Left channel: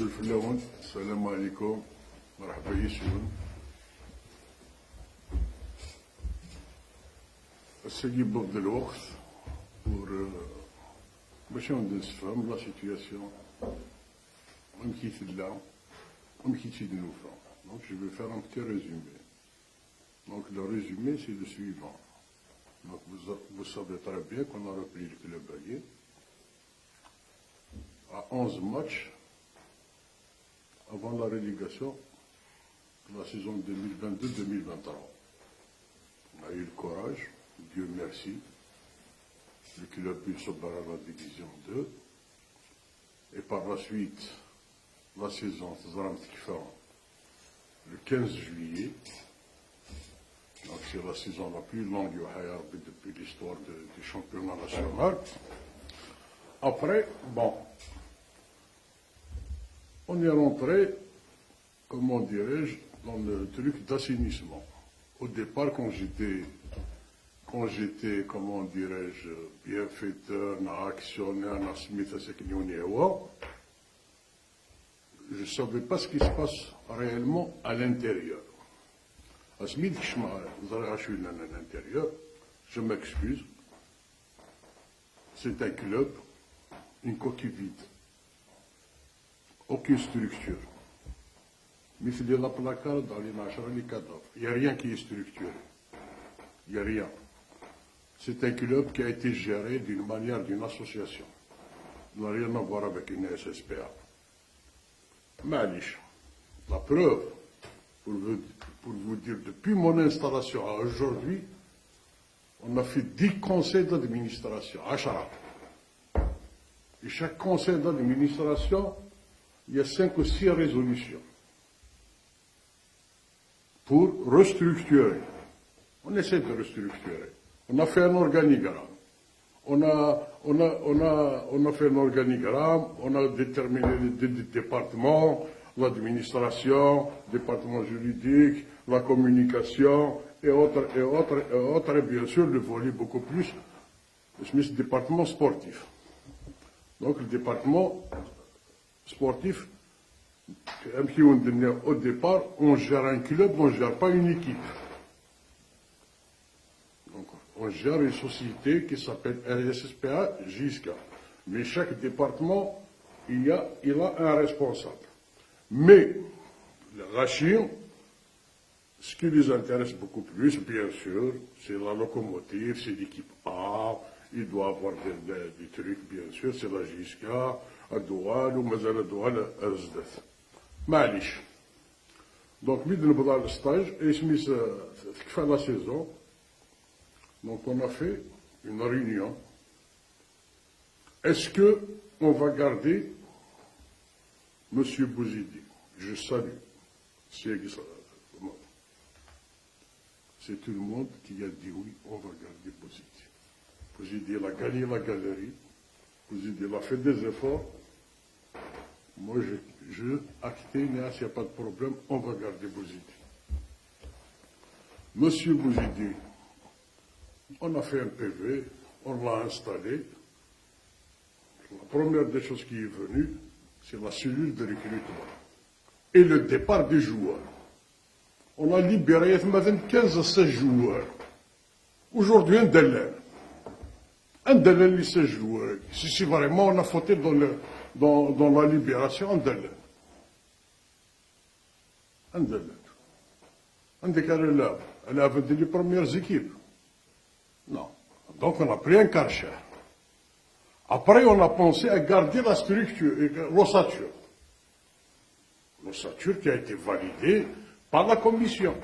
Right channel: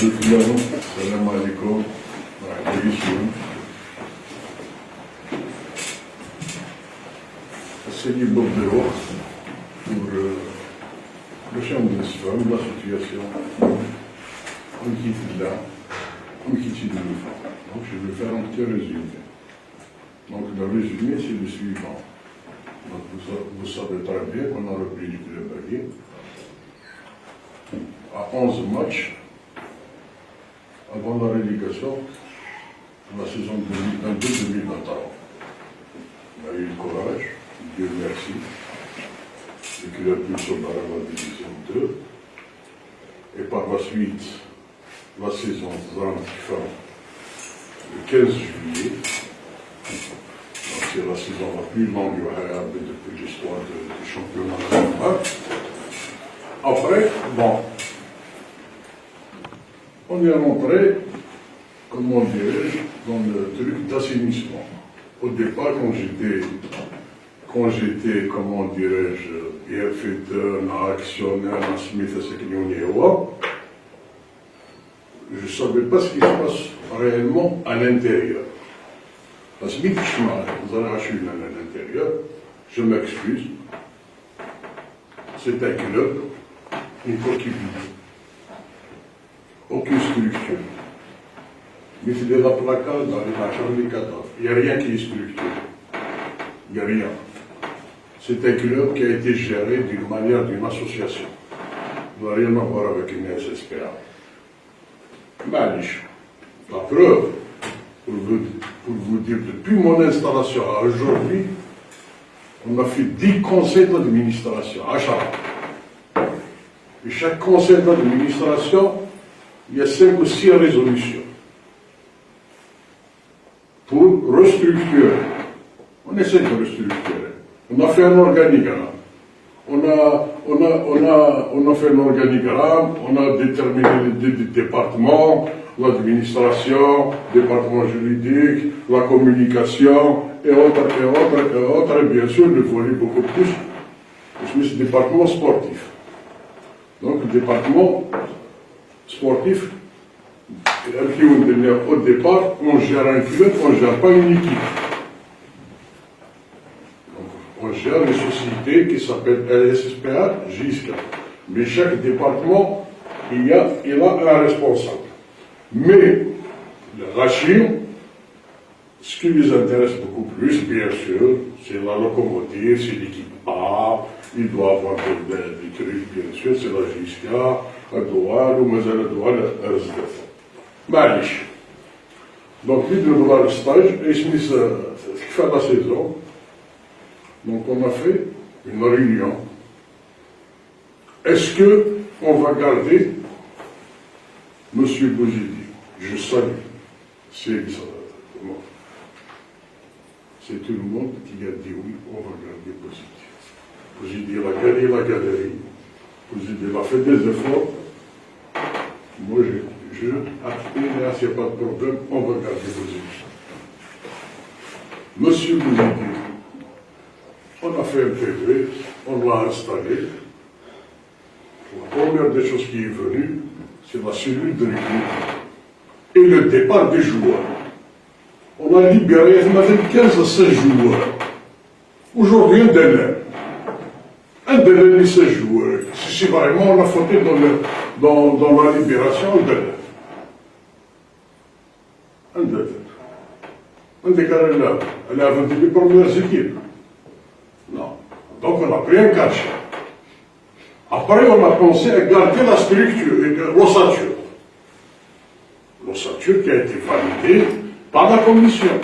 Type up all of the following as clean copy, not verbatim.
Fiano, salam alaikum, c'est du Bob de l'eau pour le champ de l'islam, la situation, on quitte là, on quitte le mouvement. Donc je vais faire un petit résumé. Donc le résumé c'est le suivant. Donc, vous savez très bien qu'on a repris du club Baguet à 11 matchs avant la relégation de la saison 2022-2023. On a eu le courage, Dieu merci, le club nous sommes dans la division 2. Et par la suite, la saison fin le 15 juillet. Donc c'est la saison la plus longue depuis l'histoire du championnat national. Après, bon, on est rentré, comment dirais-je, dans le truc d'assainissement. Au départ, quand j'étais, comment dirais-je, bienfaiteur, actionnaire, Smith, je ne savais pas ce qui se passe réellement à l'intérieur. Parce que vous allez acheter à l'intérieur, je m'excuse, c'est un club, une coquille vide. Aucune structure. Mais c'est des placards dans les matchs des 14. Il n'y a rien qui est structuré. Il n'y a rien. C'est un club qui a été géré d'une manière d'une association. Ça n'a rien à voir avec une SSPA. Malish. La preuve, pour vous dire, depuis mon installation à aujourd'hui, on a fait 10 conseils d'administration à chaque. Et chaque conseil d'administration, il y a 5 ou 6 résolutions pour restructurer. On essaie de restructurer. On a fait un organigramme. On a fait un organigramme, on a déterminé les départements, l'administration, le département juridique, la communication, et autres, et bien sûr, le volet beaucoup plus, c'est le département sportif. Donc, le département sportif, au départ, on gère un club, on ne gère pas une équipe. On gère une société qui s'appelle LSSPA, JISCA. Mais chaque département, il a un responsable. Mais le Rachim, ce qui les intéresse beaucoup plus, bien sûr, c'est la locomotive, c'est l'équipe A, il doit avoir des trucs, bien sûr, c'est la JISCA, la douane, ou mais la douane, la RSDF. Malish. Donc, il doit avoir le stage, et il se fait la saison. Donc on a fait une réunion. Est-ce qu'on va garder M. Bouzidi? Je salue. C'est tout le monde qui a dit oui, on va garder Bouzidi. Bouzidi a gagné la galerie. Bouzidi a fait des efforts. Moi, je acté, là, s'il n'y a pas de problème, on va garder Bouzidi. M. Bouzidi, on a fait un PV, on l'a installé. La première des choses qui est venue, c'est la cellule de recrutement et le départ des joueurs. On a libéré 15 à 16 joueurs. Aujourd'hui, un délai de 16 joueurs. Si vraiment on a fauté dans la libération, un délai. Un délai. Un déclaré là, elle a 21 premières équipes. Non. Donc on a pris un cachet. Après, on a pensé à garder la structure, l'ossature. L'ossature qui a été validée par la commission.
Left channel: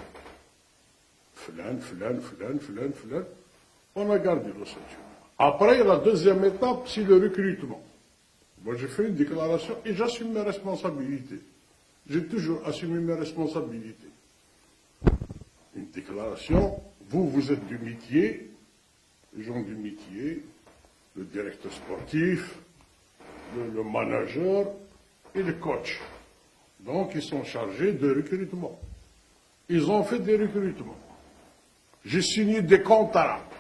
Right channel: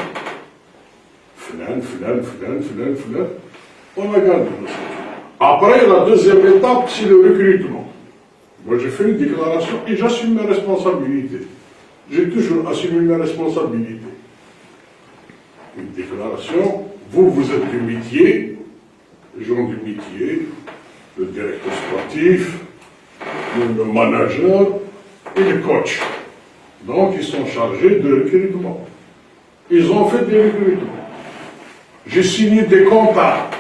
On a gardé l'ossature. Après, la deuxième étape, c'est le recrutement. Moi, j'ai fait une déclaration et j'assume mes responsabilités. J'ai toujours assumé mes responsabilités. Une déclaration, vous êtes du métier, les gens du métier, le directeur sportif, le manager et le coach. Donc, ils sont chargés de recrutement. Ils ont fait des recrutements. J'ai signé des contrats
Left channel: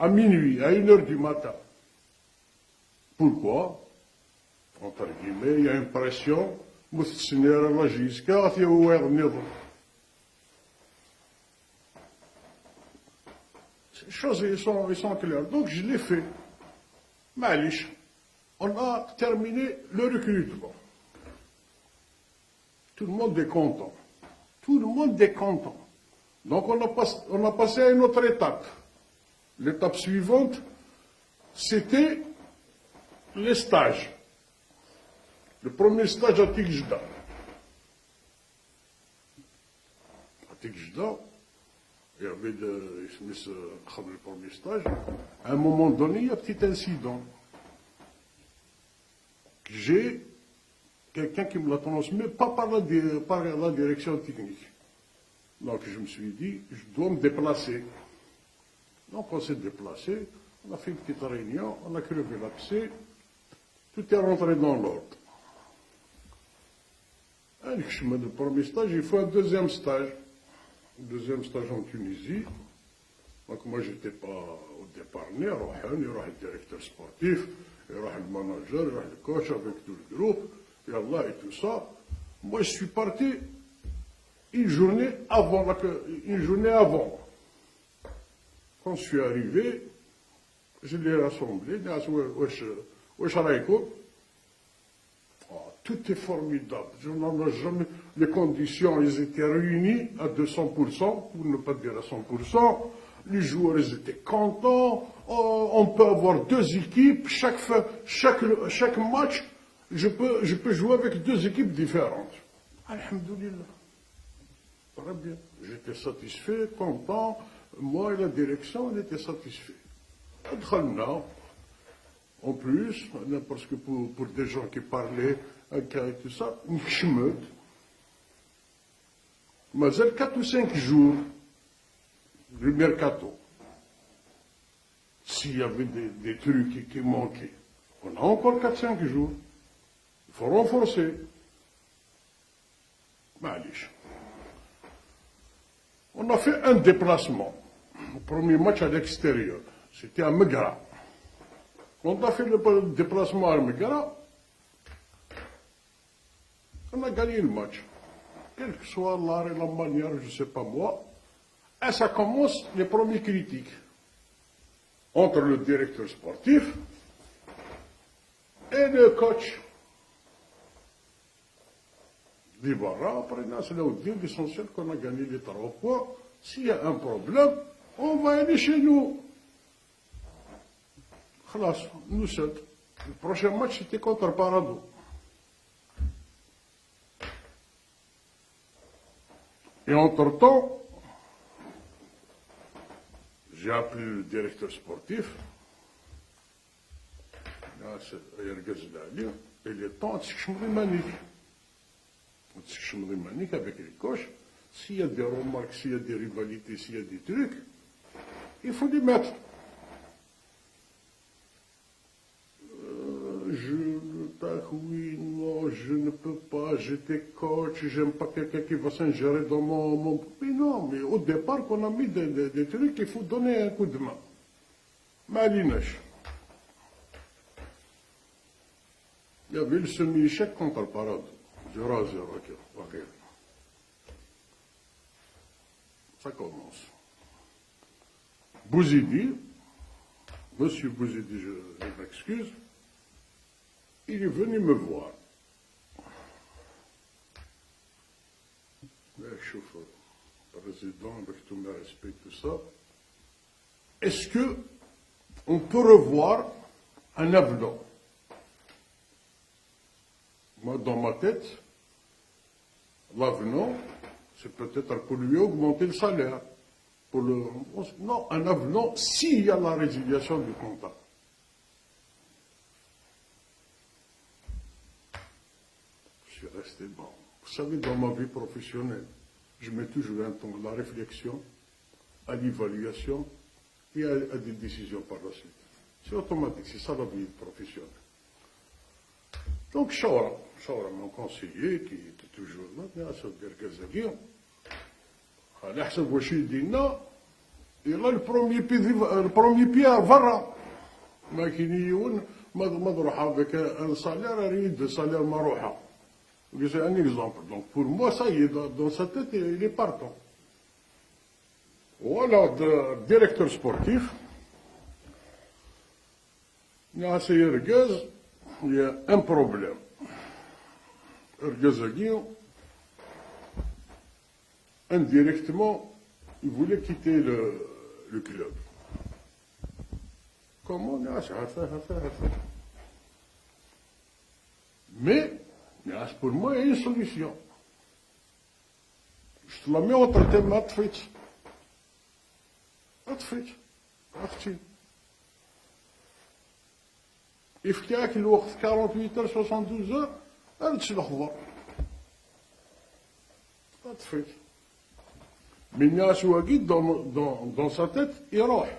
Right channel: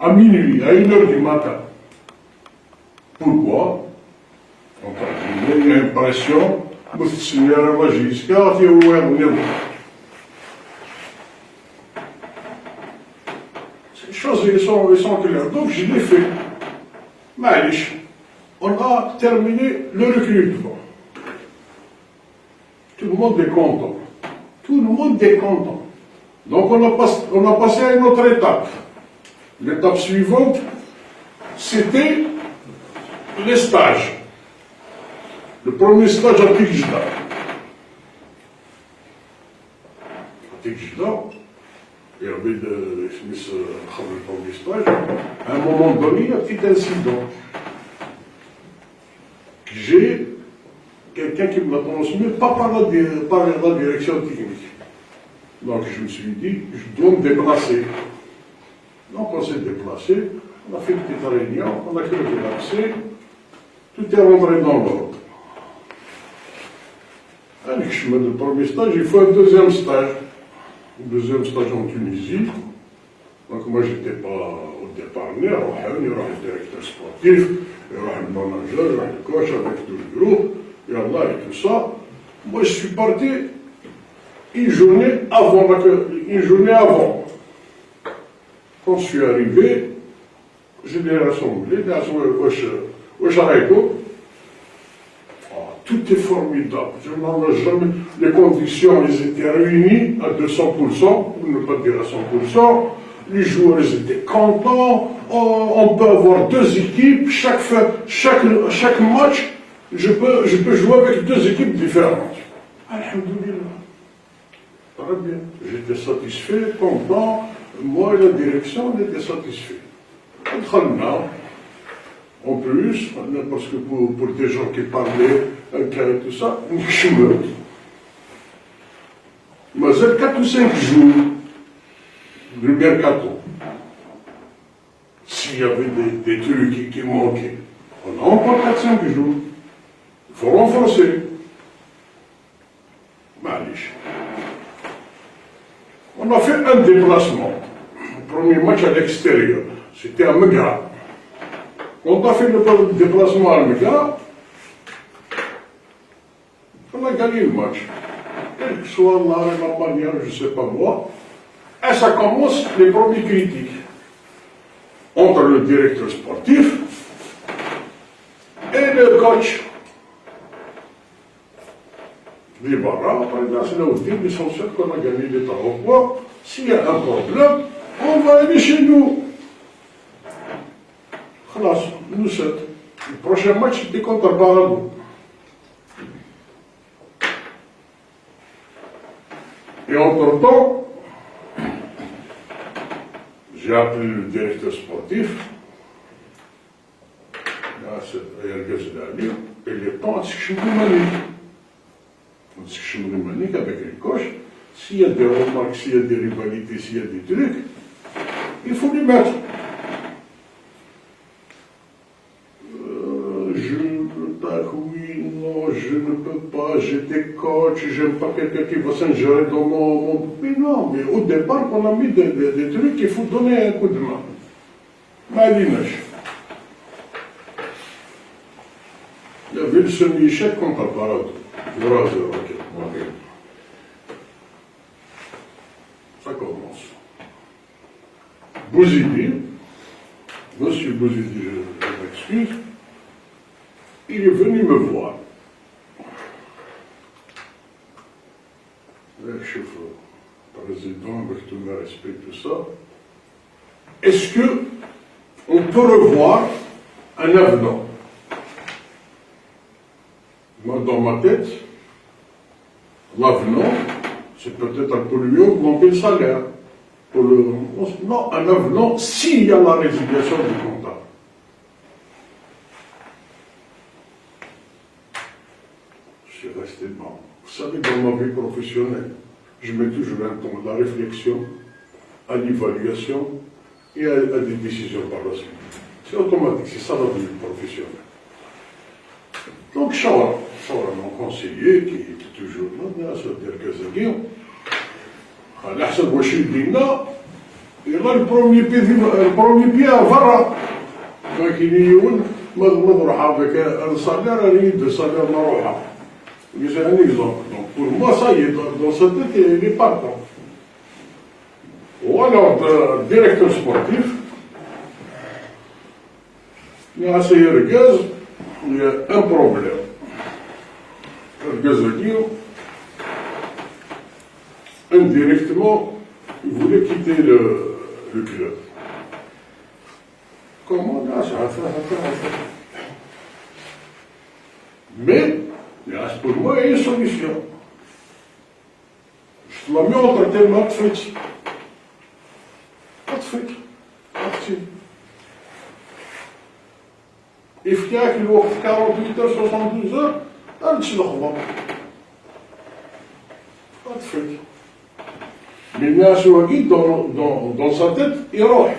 à minuit, à 1h du matin. Pourquoi? Entre guillemets, une impression, مستثمر ماجيسكا في هو النظام. Les choses ils sont claires. Donc je l'ai fait. معليش. On a terminé le recrutement. Tout le monde est content. Tout le monde est content. Donc on a passé à une autre étape. L'étape suivante, c'était les stages. Le premier stage à Tikjda. À Tikjda, il y avait le premier stage. À un moment donné, il y a un petit incident. J'ai quelqu'un qui m'a transmis, pas par la direction technique. Donc je me suis dit, je dois me déplacer. Donc on s'est déplacé, on a fait une petite réunion, on a calculé l'accès, tout est rentré dans l'ordre. Allez, je me le premier stage, il faut un deuxième stage. Un deuxième stage en Tunisie. Donc moi j'étais pas au départ né, il y aura le directeur sportif, il y aura le manager, il y aura le coach avec tout le groupe, et Allah et tout ça. Moi je suis parti une journée avant. Quand je suis arrivé, je l'ai rassemblé, tout est formidable. Je n'en ai jamais. Les conditions, elles étaient réunies à 200%, pour ne pas dire à 100%. Les joueurs, ils étaient contents. On peut avoir deux équipes. Chaque match, je peux jouer avec deux équipes différentes. Alhamdulillah. Très bien. J'étais satisfait, content. Moi et la direction, on était satisfaits. En plus, parce que pour des gens qui parlaient un cas et tout ça, je me dis. Mais c'est 4 ou 5 jours du mercato. S'il y avait des trucs qui manquaient, on a encore 4-5 jours. Il faut renforcer. Malish. On a fait un déplacement. Le premier match à l'extérieur, c'était à Megra. On a fait le déplacement à Megra. On a gagné le match. Quel que soit la manière, je ne sais pas moi. Et ça commence les premières critiques. Entre le directeur sportif et le coach. Libara, par exemple, c'est là où ils sont sûrs qu'on a gagné les travaux. S'il y a un problème, on va aller chez nous. Nous sommes. Le prochain match, c'était contre Barago. Et entre-temps, j'ai appelé le directeur sportif, et il est temps à ce que je me manique avec les coachs. S'il y a des remarques, s'il y a des rivalités, s'il y a des trucs, il faut les mettre. Oui, non, je ne peux pas, j'étais coach, j'aime pas quelqu'un qui va s'ingérer dans mon... Mais non, mais au départ, on a mis des trucs qu'il faut donner un coup de main. Malinage. Il y avait le semi-échec contre Parado. 3-0, ok. Ça commence. Bouzidi, monsieur Bouzidi, je m'excuse, il est venu me voir. Le chef président, avec tout le respect, tout ça. Est-ce qu'on peut revoir un avenant? Moi, dans ma tête, l'avenant, c'est peut-être pour lui augmenter le salaire. Non, un avenant, s'il y a la résiliation du contrat. Je suis resté bon. Vous savez, dans ma vie professionnelle, je mets toujours un temps à la réflexion, à l'évaluation et à des décisions par la suite. C'est automatique, c'est ça la vie professionnelle. Donc, Shawara, mon conseiller, qui était toujours là, ça veut dire que c'est bien. على حسب واش يدينا يلا البروميي بي à Varra. Donc il y a نروح avec un salaire à de salaire marocain. C'est un exemple. Donc pour moi, ça y est, dans sa tête, il est partant. Ou alors, directeur sportif, il a essayé le gaz, il y a un problème. Le gaz veut dire, indirectement, il voulait quitter le club. Comment là, ça va faire. Mais, il reste pour moi une solution. Je te la mets entre tes mains de frites. Pas de frites. Parti. يفتاك الوقت 48 heures, 72 heures, تمشي الخبر. Pas de frites. Mais الناس واقيد dans sa tête, يروح.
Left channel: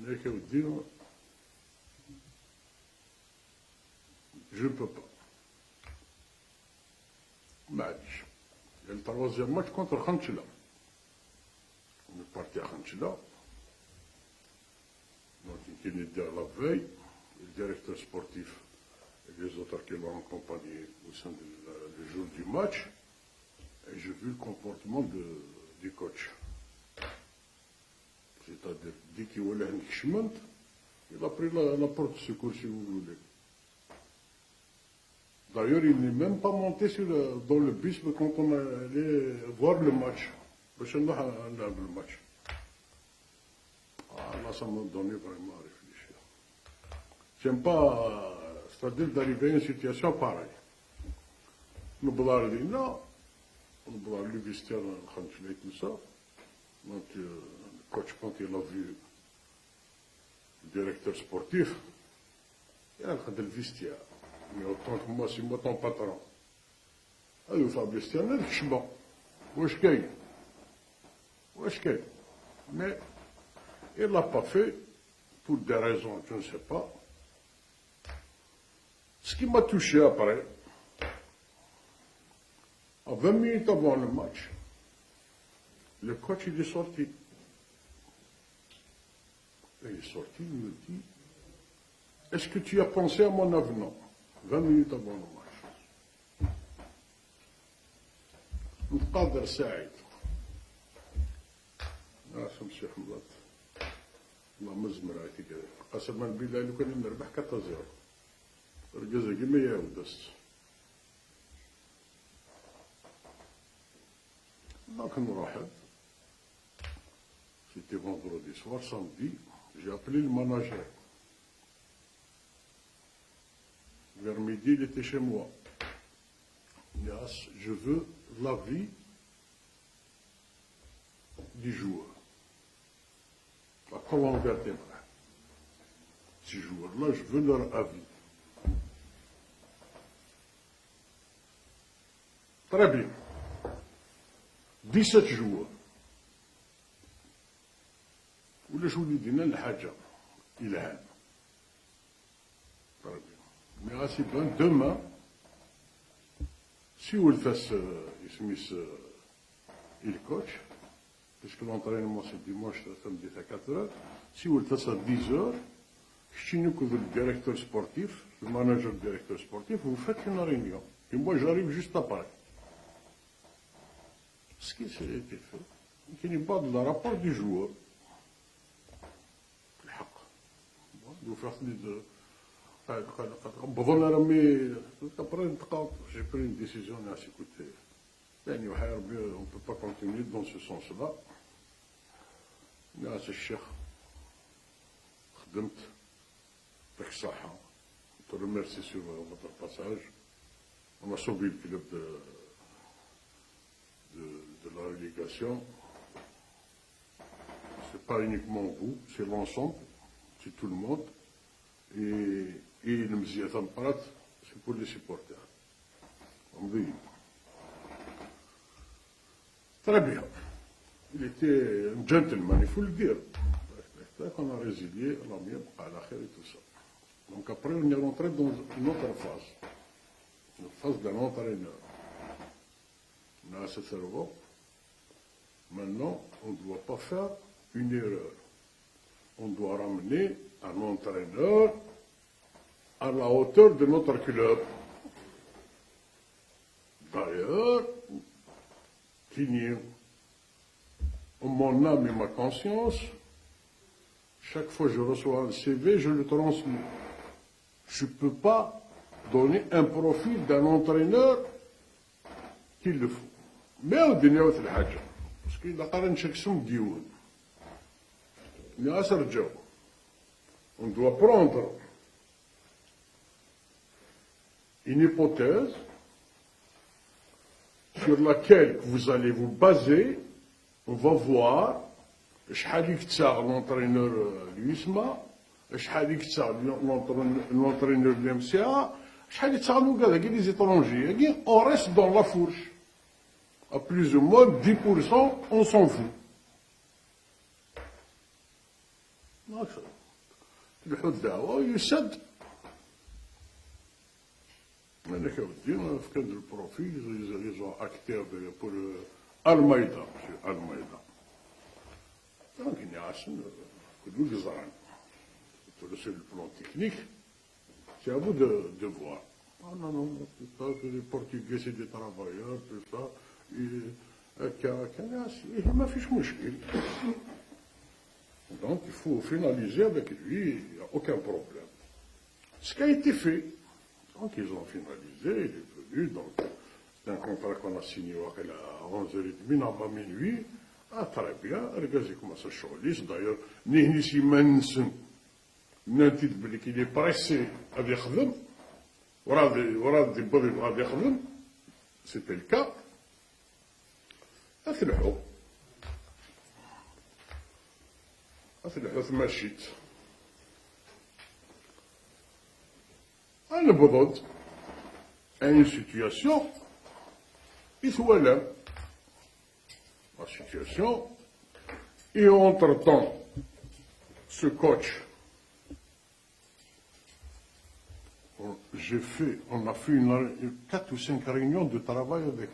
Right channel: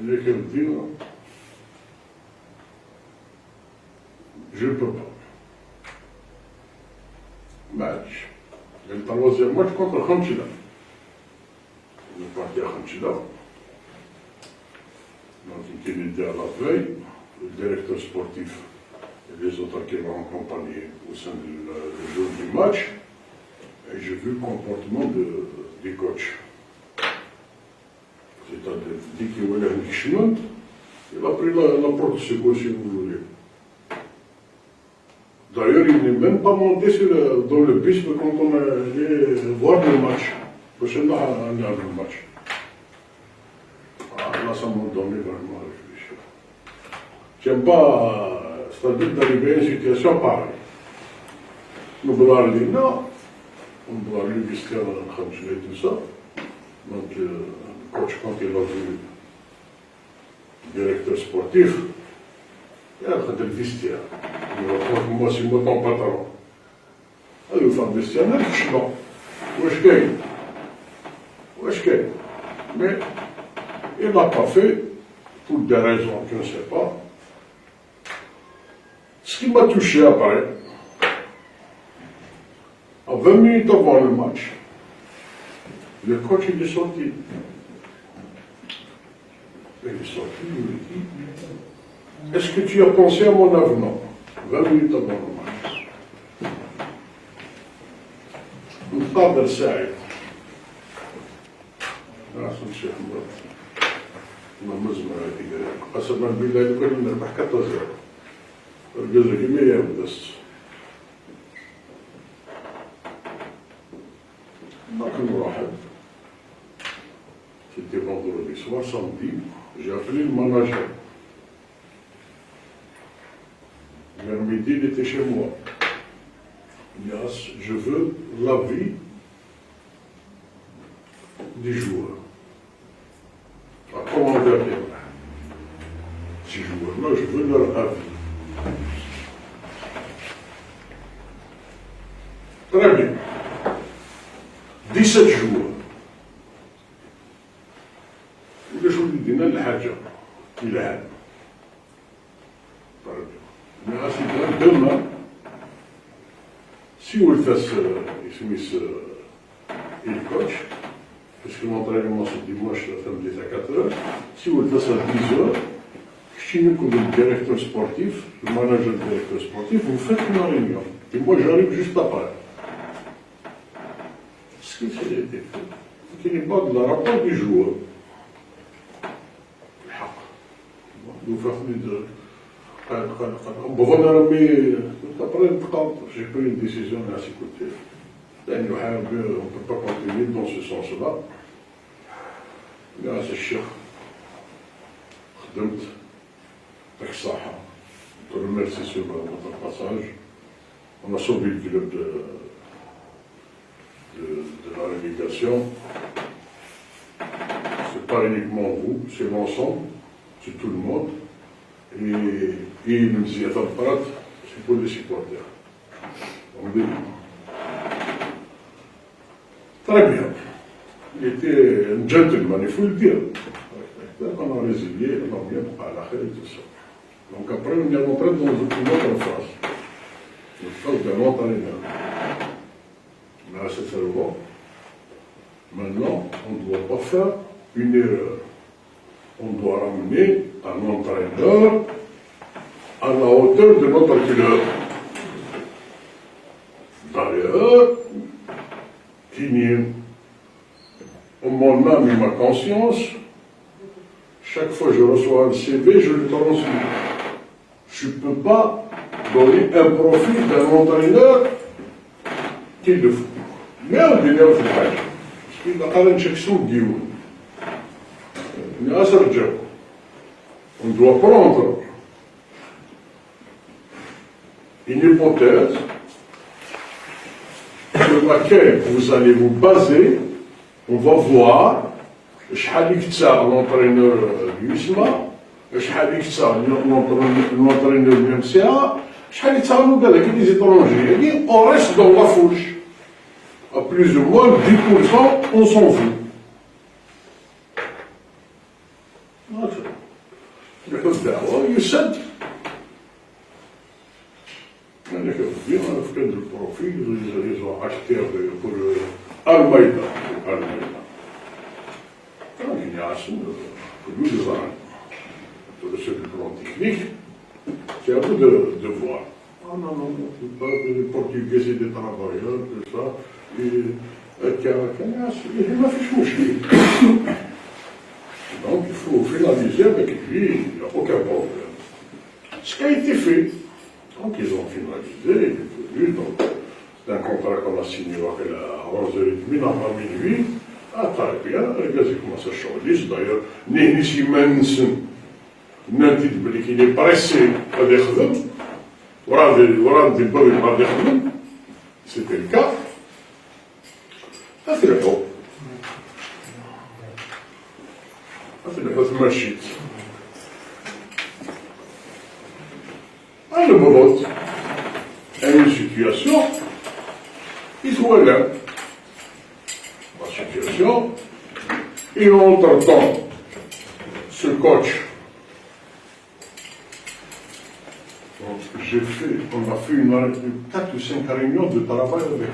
Il est qu'à me dire, je ne peux pas. Match. Le troisième match contre Khamchila. On est parti à Khamchila. Donc, il était à la veille, le directeur sportif et les autres qui m'ont accompagné au sein du jour du match. Et j'ai vu le comportement des coachs. C'est-à-dire, dès qu'il voulait un chemin, il a pris la porte secours, si vous voulez. D'ailleurs, il n'est même pas monté dans le bus quand on allait voir le match. Parce que là, on a le match. Ah, là, ça m'a donné vraiment à réfléchir. J'aime pas, c'est-à-dire d'arriver à une situation pareille. Nous voulons aller là, on doit aller jusqu'à Khamchila et tout ça. Donc, coach, quand il a vu le directeur sportif, il a fait le vestiaire. Il a dit, moi, c'est moi ton patron. Il a fait le vestiaire, il a dit, non. Wesh gagne. Mais il ne l'a pas fait, pour des raisons que je ne sais pas. Ce qui m'a touché après, à 20 minutes avant le match, le coach il est sorti. Il est sorti, il me dit, est-ce que tu as pensé à mon avenant 20 minutes avant le match. نقابل سعيد عشان الشيخ مراد ما مزمع هذيك قسما بالله لو كان نربح 14 الجزء كمية بس لكن واحد c'était vendredi soir, samedi, j'ai appelé le manager. Vers midi, il était chez moi. Il a dit, je veux l'avis des joueurs. À comment derrière ces joueurs-là, je veux leur avis. Très bien. 17 joueurs. اللي شو بدينا الحاجة إلى هذا. الناس كان دمنا si on le fait le coach, puisque l'entraînement c'est dimanche, la femme est à 4 heures, si on le fait à 10 heures, chez nous comme le directeur sportif, le manager du directeur sportif, vous faites une réunion. Et moi j'arrive juste après. Ce qui s'est été fait, c'est qu'il n'est pas de la rapport du joueur. Nous faisons de. J'ai pris une décision à ses côtés. On ne peut pas continuer dans ce sens-là. Grâce à Cheikh, خدمت avec Saha. Je te remercie sur votre passage. On a sauvé le club de la relégation. Ce n'est pas uniquement vous, c'est l'ensemble, c'est tout le monde. Et il nous disait, c'est pour les supporters. On dit, très bien. Il était un gentleman, il faut le dire. On a résilié, on a bien à la et tout ça. Donc après, on est rentré dans une autre phase. Une phase de l'entraîneur. Mais à ce faire, maintenant, on ne doit pas faire une erreur. on doit ramener un entraîneur à la hauteur de notre club. D'ailleurs, en mon âme et ma conscience, chaque fois que je reçois un CV, je le transmets. Je ne peux pas donner un profil d'un entraîneur qui le faut. Mais on dit là, parce qu'il a un checksum d'Ioun. On doit prendre une hypothèse sur laquelle vous allez vous baser. On va voir شحال يكتسع l'entraîneur يسمى شحال يكتسع l'entraîneur MCA شحال يتعاملوا كذا كي لي étrangers يعني on reste dans la fourche à plus ou moins 10% on s'en fout الدعوة يسد يعني كيف في كذا البروفيل ils ont acheté pour Almeida. Quand il y a pour nous de voir, sur le plan technique, c'est à vous de voir. Ah non, non, pas les Portugais et des travailleurs, tout ça. Il m'a fait choucher. Donc il faut finaliser avec lui, il n'y a aucun problème. Ce qui a été fait, donc ils ont finalisé, il est venu, donc. C'est un contrat qu'on a signé à 11h30, à minuit. Ah, très bien, les gars, ils commencent à changer. D'ailleurs, Nénissi Mensen, Nanti de qu'il est pressé à dékhadem. Voilà des bruits à dékhadem. C'était le cas. Ça, c'est le cas. Ça, c'est le cas de Machit. Ah, le vote a une situation. Il soit là, la situation, et entre-temps, ce coach, on a fait 4 ou 5 réunions de travail avec lui.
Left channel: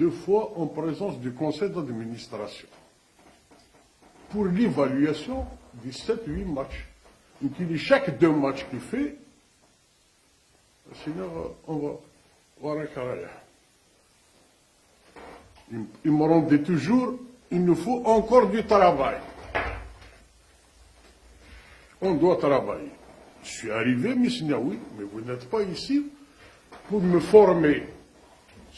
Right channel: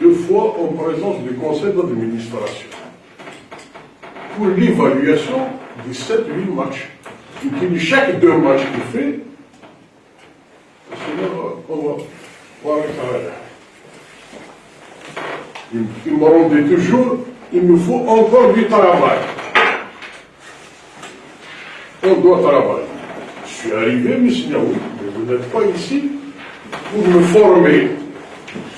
2 fois en présence du conseil d'administration, pour l'évaluation des 7-8 matchs. Donc, chaque 2 matchs qu'il fait, on va voir un carré. Il me rendait toujours, il nous faut encore du travail. On doit travailler. Je suis arrivé, mais vous n'êtes pas ici pour me former.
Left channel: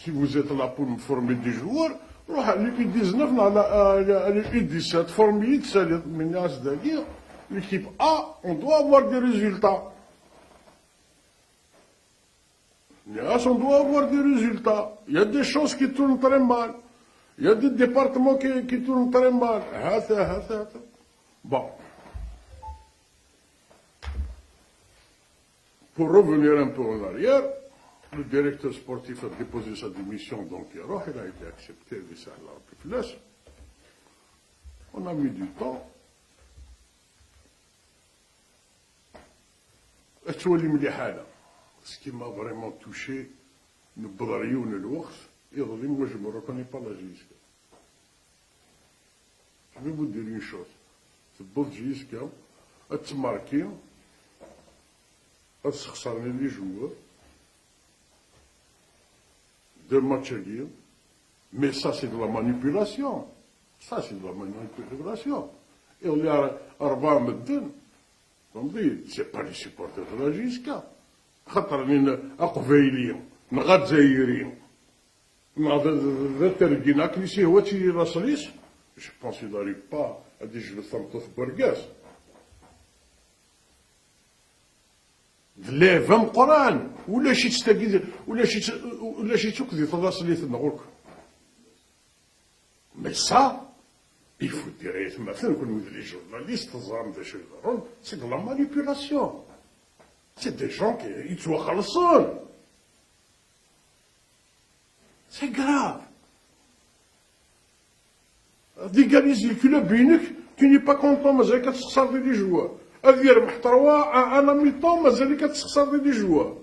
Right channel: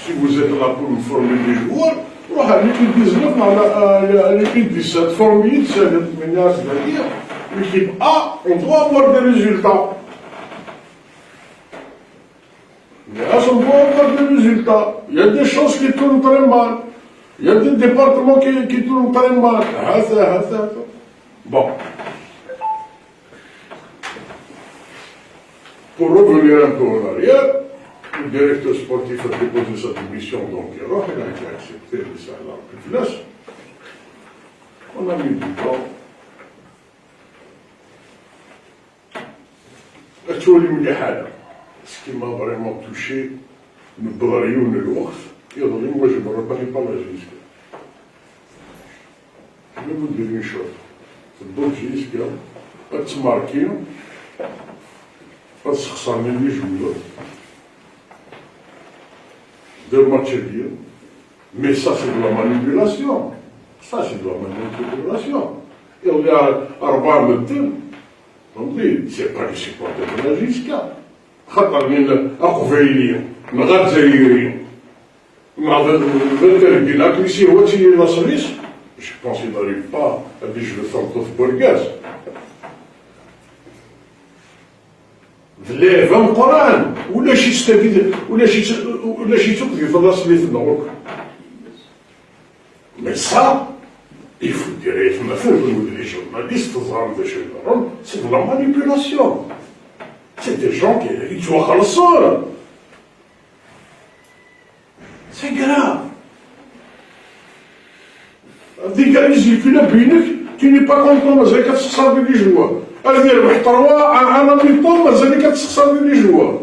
Si vous êtes là pour me former des joueurs, à l'équipe 19, à l'équipe 17, formée, c'est-à-dire l'équipe A, on doit avoir des résultats. Là, on doit avoir des résultats. Il y a des choses qui tournent très mal. Il y a des départements qui tournent très mal. Bon. Pour revenir un peu en arrière, le directeur sportif a déposé sa démission, donc il a été accepté, et ça a plus de place. On a mis du temps. Ce qui m'a vraiment touché, le Brahim et l'Ours, moi je ne me reconnais pas la Gisca. Je vais vous dire une chose. C'est bon Gisca, elle se marque, elle se ressemble les joueurs. 2 matchs bien. Mais ça c'est de la manipulation. Ça c'est de la manipulation. Et on est à Arba Metin. On dit, c'est pas les supporters de la Gisca. خطر من أقفيلية من غزيرية La Russie, je pense qu'il n'arrive pas à dire je le sens tout burgaz. V'leva Coran, ولا شي تستفيد ولا شي تقضي في الراس اللي في النور. Mais ça, il faut dire, les journalistes, c'est de la manipulation. C'est des gens qui sont à la. C'est grave. Des gars, ils tu n'es pas content, mais c'est 400 les joueurs. Elle vient de 3 à un an de temps, mais c'est 400 les joueurs.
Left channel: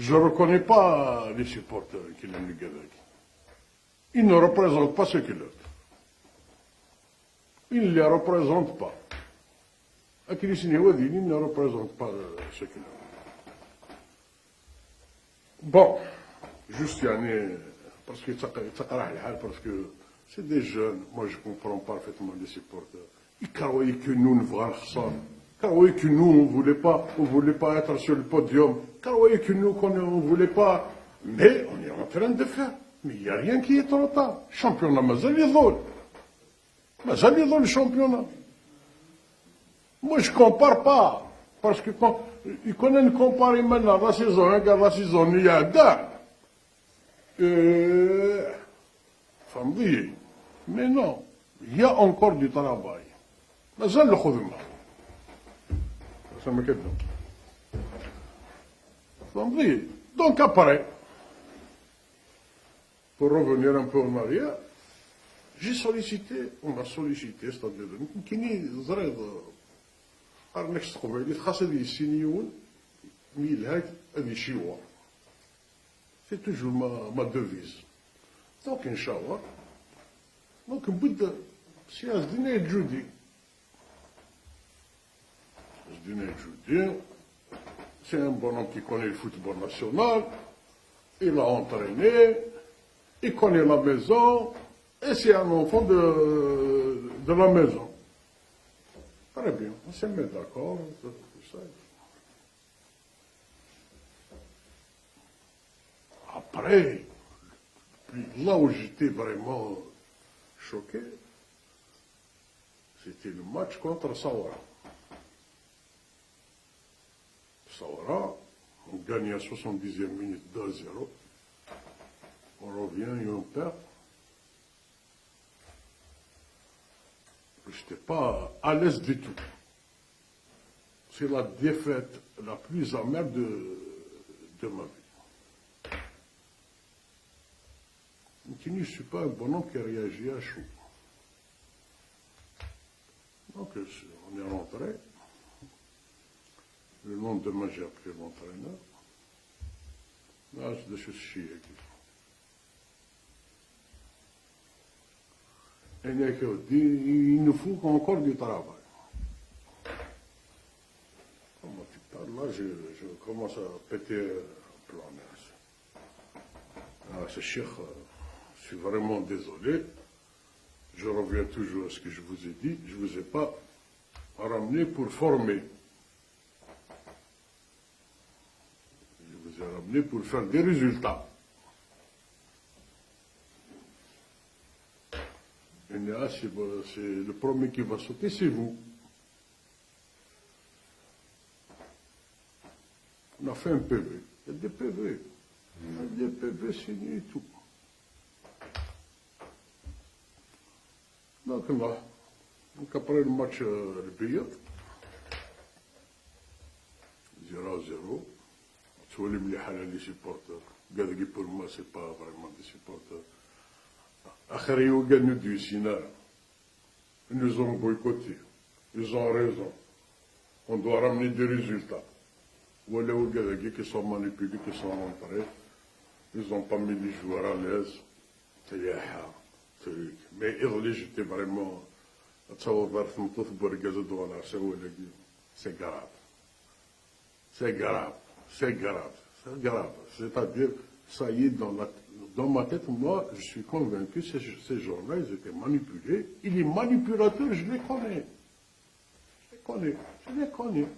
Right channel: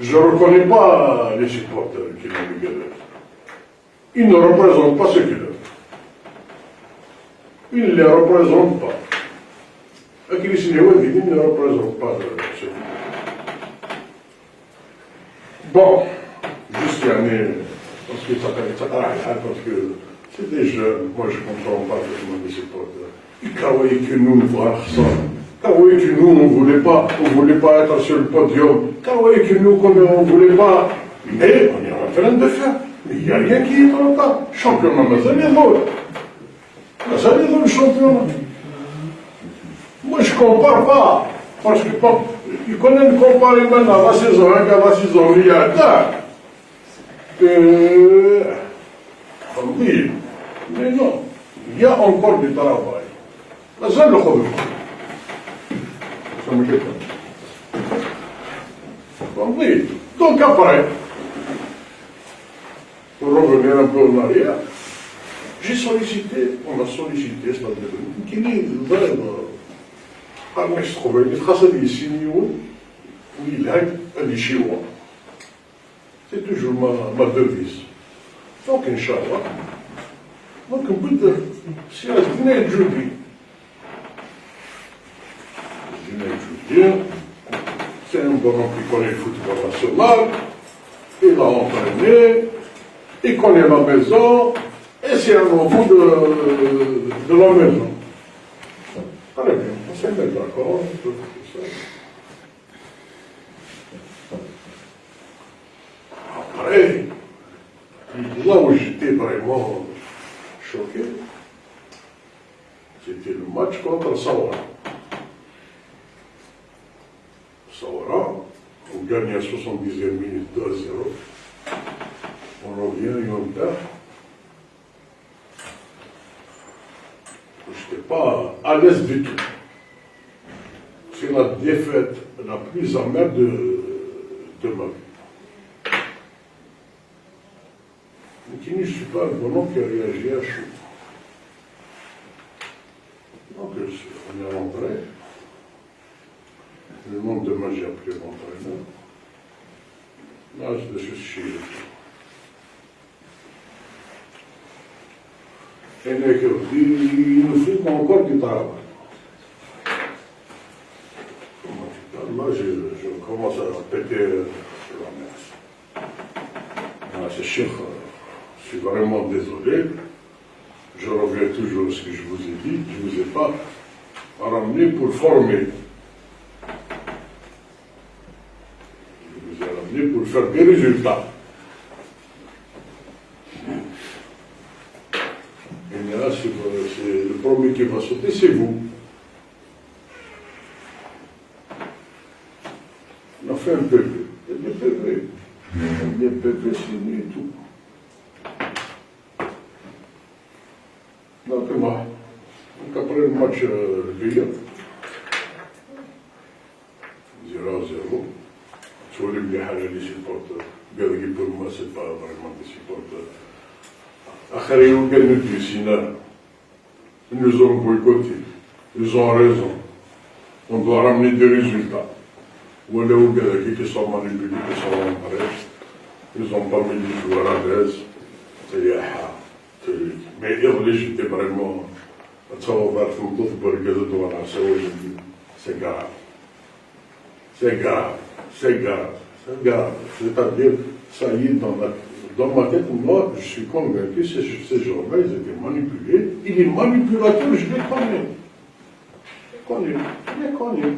Je ne reconnais pas les supporters qui l'ont regardé. ils ne représentent pas ce qu'ils œuvrent. Ils ne les représentent pas. Ils ne représentent pas ce qu'ils œuvrent. Bon, juste l'année, parce que c'était jeune, moi je ne comprends pas effectivement de ces potes. Ils croyaient que nous ne voir ça. Ils croyaient que nous, on ne voulait pas être sur le podium. Ils croyaient que nous, on ne voulait pas. Mais on est en train de faire. Mais il n'y a rien qui est en temps. Championnat, mais ça vient drôle. Ça vient drôle, le championnat. Moi, je ne compare pas. Parce que ils connaissent comparer maintenant la saison 1 à la saison milliardaire. On dit, mais non, il y a encore du travail. Là, ça le problème. Ça me fait pas. On dit, donc après, pour revenir un peu en arrière, j'ai sollicité, on a sollicité, c'est-à-dire, qui n'est pas trouvé, il trace des signes où il a un chinois. C'est toujours ma devise. Donc, Inch'Allah, donc on peut dire, si elle venait Judy, c'est un bonhomme qui connaît le football national, il a entraîné, il connaît la maison, et c'est un enfant de la maison. Très bien, on s'est mis d'accord, tout ça. Après, là où j'étais vraiment choqué, c'était le match contre Sawara. Sawara, on gagne à 70e minute 2-0. On revient et on perd. Je n'étais pas à l'aise du tout. C'est la défaite la plus amère de ma vie. Je ne suis pas un bonhomme qui a réagi à chaud. Donc, on est rentré. Le lendemain, j'ai appelé l'entraîneur. Là, je suis chez lui. Et il nous faut encore du travail. Là, je commence à péter la messe. C'est sûr, je suis vraiment désolé. Je reviens toujours à ce que je vous ai dit. Je ne vous ai pas ramené pour former. Je vous ai ramené pour faire des résultats. Et là, c'est le premier qui va sauter, c'est vous. On a fait un PV. Il y a des PV. Il y a des PV signés et tout. Donc, après le match de Lyon, 0-0, sur les Bihalali supporters, Belgique pour moi, ce n'est pas vraiment des supporters. Après, ils ont gagné du Sina. Ils nous ont boycotté. Ils ont raison. On doit ramener des résultats. Ou les Belgiques qui sont manipulés, qui sont rentrés, ils n'ont pas mis les joueurs à l'aise. Mais j'étais vraiment. C'est grave. C'est grave. C'est grave. C'est grave. C'est-à-dire, ça y est, dans ma tête, moi, je suis convaincu que ces gens-là, ils étaient manipulés. Et les manipulateurs, je les connais. Je les connais.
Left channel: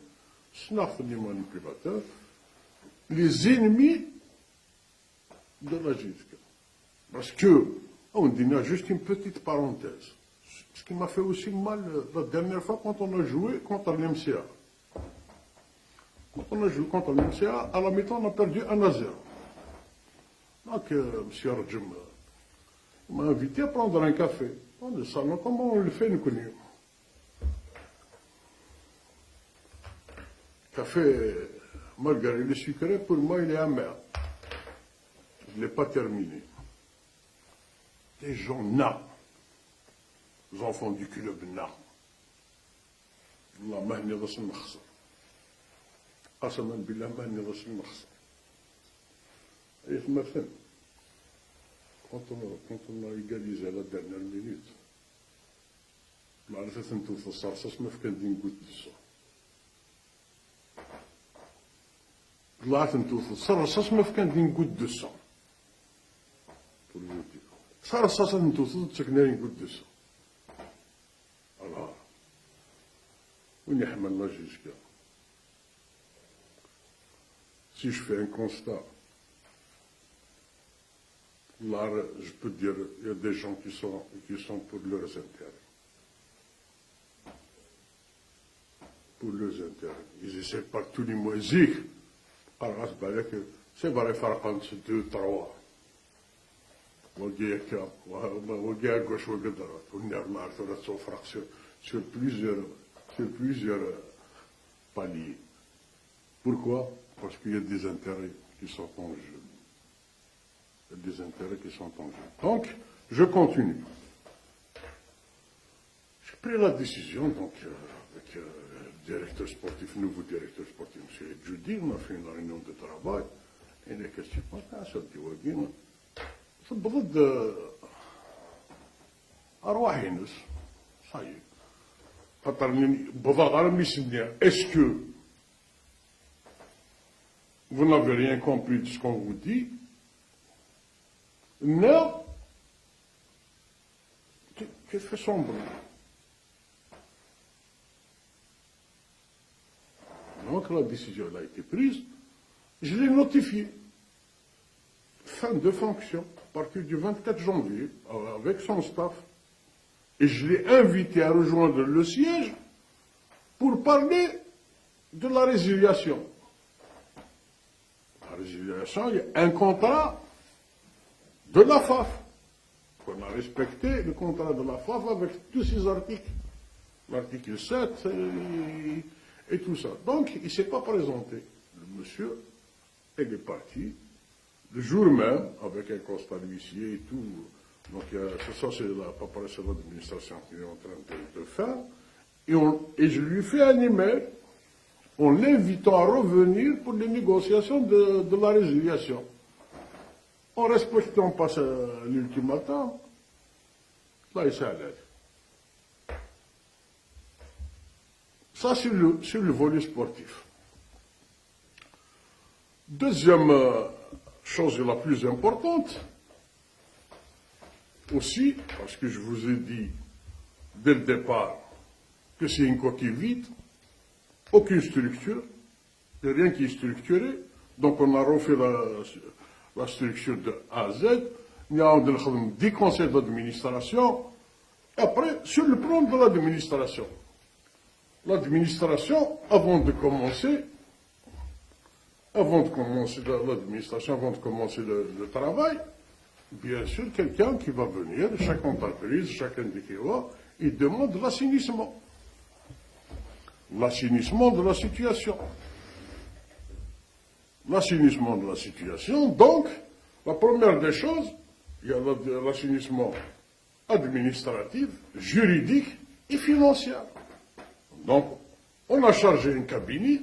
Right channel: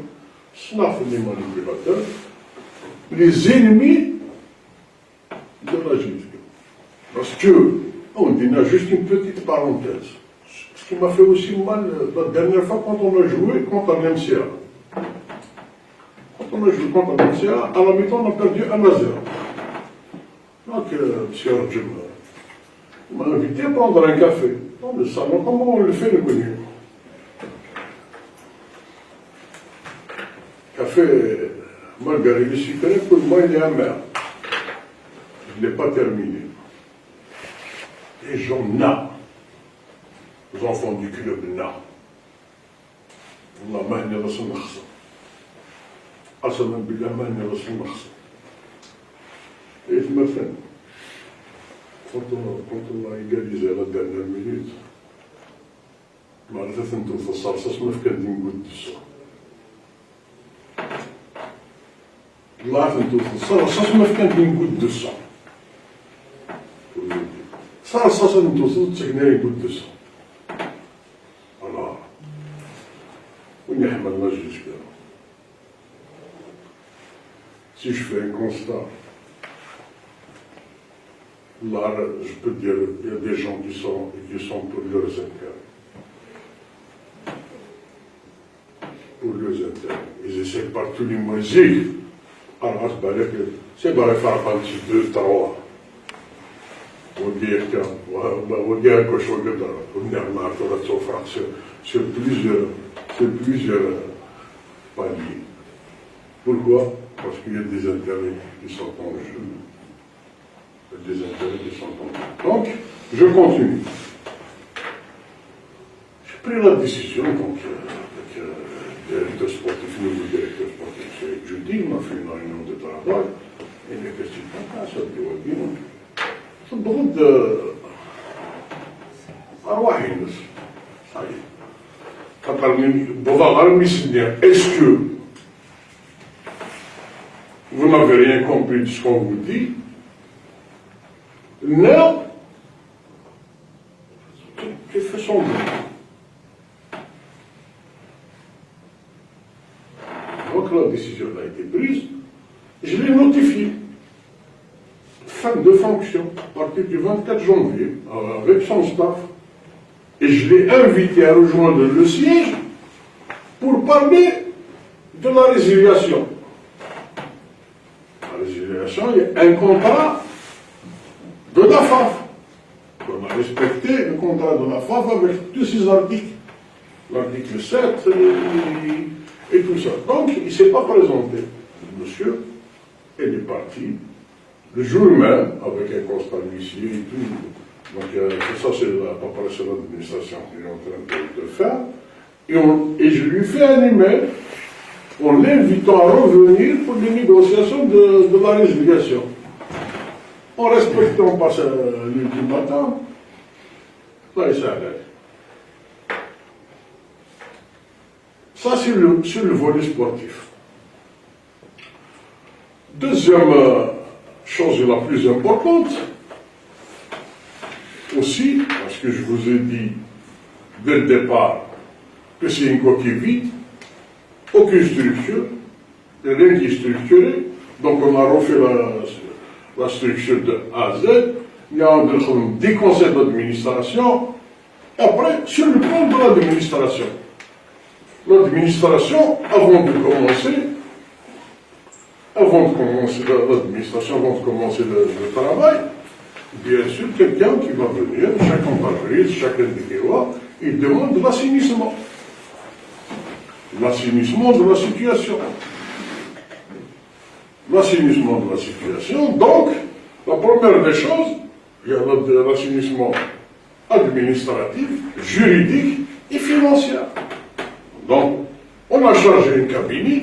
Snaf, les manipulateurs. Les ennemis de la justice. Parce que, on dit, juste une petite parenthèse. Ce qui m'a fait aussi mal la dernière fois quand on a joué contre un MCA. Quand on a joué contre un MCA, à la mi-temps, on a perdu 1-0. Donc, M. Arjum m'a invité à prendre un café dans le salon. Comment on le fait, le menu? Café margarine sucré, pour moi, il est amer. Je ne l'ai pas terminé. Les gens nains, les enfants du club nains, on a mahné dans son marché. Assalam billah mahné dans son marché. Et je me fais. quand on a égalisé à la dernière minute, معرفة انتو في الصلصة ما فكرت نقول دسو. طلعت انتو في الصلصة ما فكرت نقول دسو. صلصة انتو تسكنا يقول دسو. voilà. ونحمل ما جيش كده. Si je fais un constat, là, je peux dire, il y a des gens qui sont pour leurs intérêts. Pour leurs intérêts. Ils essaient par tous les moyens. Alors, c'est pas faire un petit 2, 3. On dit que je sur plusieurs paliers. Pourquoi? Parce qu'il y a des intérêts qui sont en jeu. Il y a des intérêts qui sont en jeu. Donc, je continue. J'ai pris la décision, donc, directeur sportif, nouveau directeur sportif, c'est jeudi, on a fait une réunion de travail, et les questions ça dit bien. C'est beaucoup de. Ça y est. Est-ce que vous n'avez rien compris de ce qu'on vous dit? Non. Qu'est-ce que fait son nom? Donc la décision a été prise, je l'ai notifiée. Fin de fonction, à partir du 24 janvier, avec son staff. Et je l'ai invité à rejoindre le siège pour parler de la résiliation. La résiliation, il y a un contrat de la FAF. On a respecté le contrat de la FAF avec tous ses articles. L'article 7 et tout ça. Donc, il ne s'est pas présenté. Le monsieur, il est parti. Le jour même, avec un constat d'huissier et tout. Donc, ça, c'est la préparation de l'administration qui est en train de faire. Et je lui fais un email en l'invitant à revenir pour les négociations de la résiliation. En respectant pas l'ultimatum, là, il s'arrête. Ça, c'est sur le volet sportif. Deuxième chose la plus importante, aussi, parce que je vous ai dit dès le départ que c'est une coquille vide, aucune structure, rien qui est structuré, donc on a refait la structure de A à Z, il y a des conseils d'administration, et après, sur le plan de l'administration. L'administration, avant de commencer le travail, bien sûr, quelqu'un qui va venir, chaque entreprise, chaque individu, il demande l'assainissement. L'assainissement de la situation. L'assainissement de la situation, donc, la première des choses, il y a l'assainissement administratif, juridique et financier. Donc, on a chargé un cabinet,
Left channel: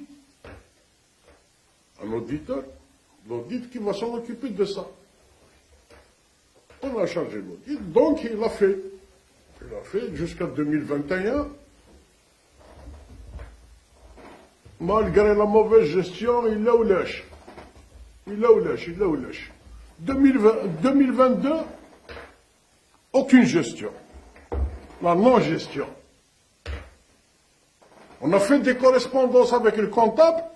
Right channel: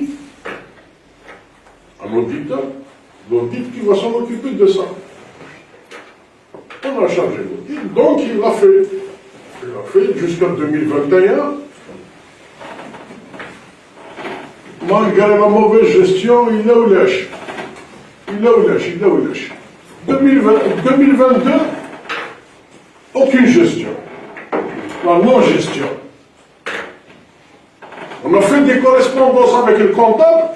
un auditeur, l'audit qui va s'en occuper de ça. On a chargé l'audit, donc il l'a fait. Il l'a fait jusqu'en 2021. Malgré la mauvaise gestion, il a eu lâche. 2022, aucune gestion. La non-gestion. On a fait des correspondances avec le comptable.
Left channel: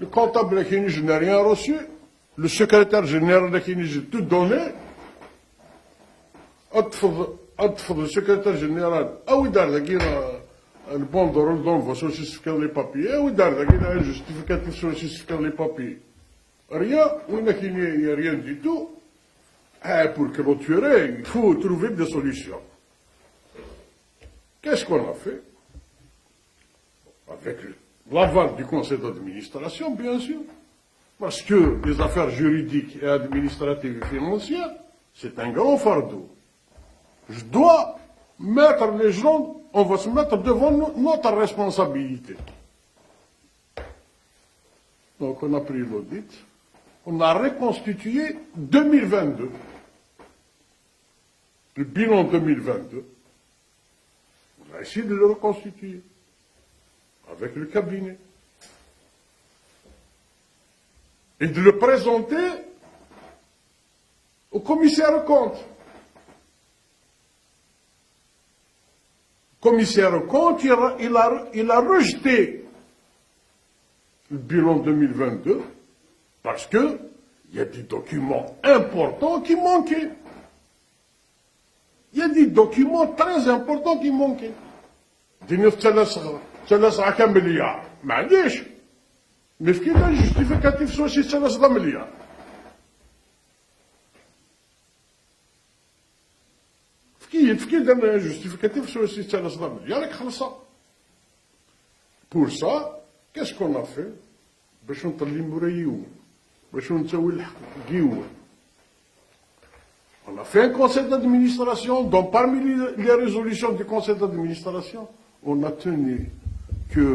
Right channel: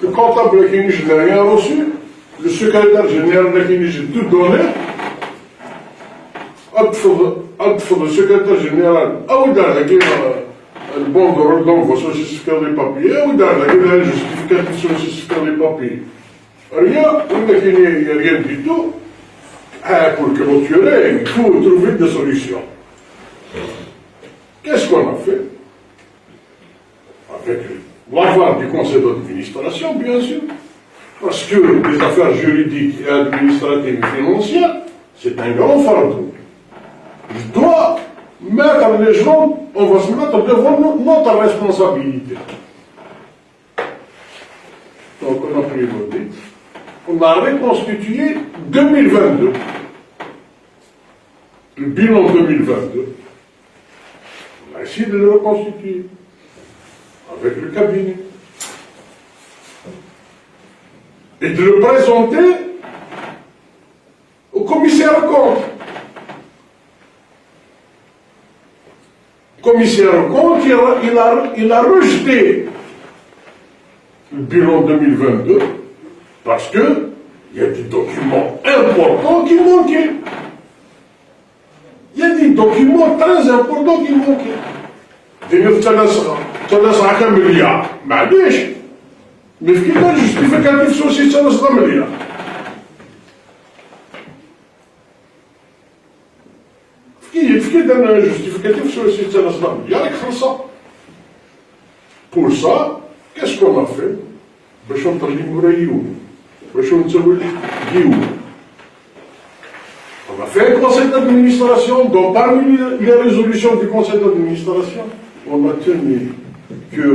Le comptable qui n'a rien reçu. Le secrétaire général qui n'a tout donné. Le secrétaire général, le bon de redon, il justifier les papiers, ou d'ailleurs, le justificatif sur justifier les papiers. Rien, il n'y a rien du tout. Pour clôturer, il faut trouver des solutions. Qu'est-ce qu'on a fait? Avec l'aval du conseil d'administration, bien sûr. Parce que les affaires juridiques et administratives et financières, c'est un grand fardeau. Je dois mettre les gens, on va se mettre devant notre responsabilité. Donc on a pris l'audit, on a reconstitué 2022. le bilan 2022, on a essayé de le reconstituer avec le cabinet et de le présenter au commissaire aux comptes. Le commissaire aux comptes, il a rejeté le bilan 2022 parce qu'il y a des documents importants qui manquaient. Il y a des documents très importants qui manquaient. تنسى كم مليار معليش مي في كيفاش جوستيفيكاتيف سوسي تنسى مليار في كي درنا جوستيفيكاتيف سوسي تنسى مليار راك خلصها pour ça qu'est-ce qu'on a fait باش نطلعوا رايون باش نسوي الحكيو. On a fait un conseil d'administration, donc parmi les résolutions du conseil d'administration, on a tenu que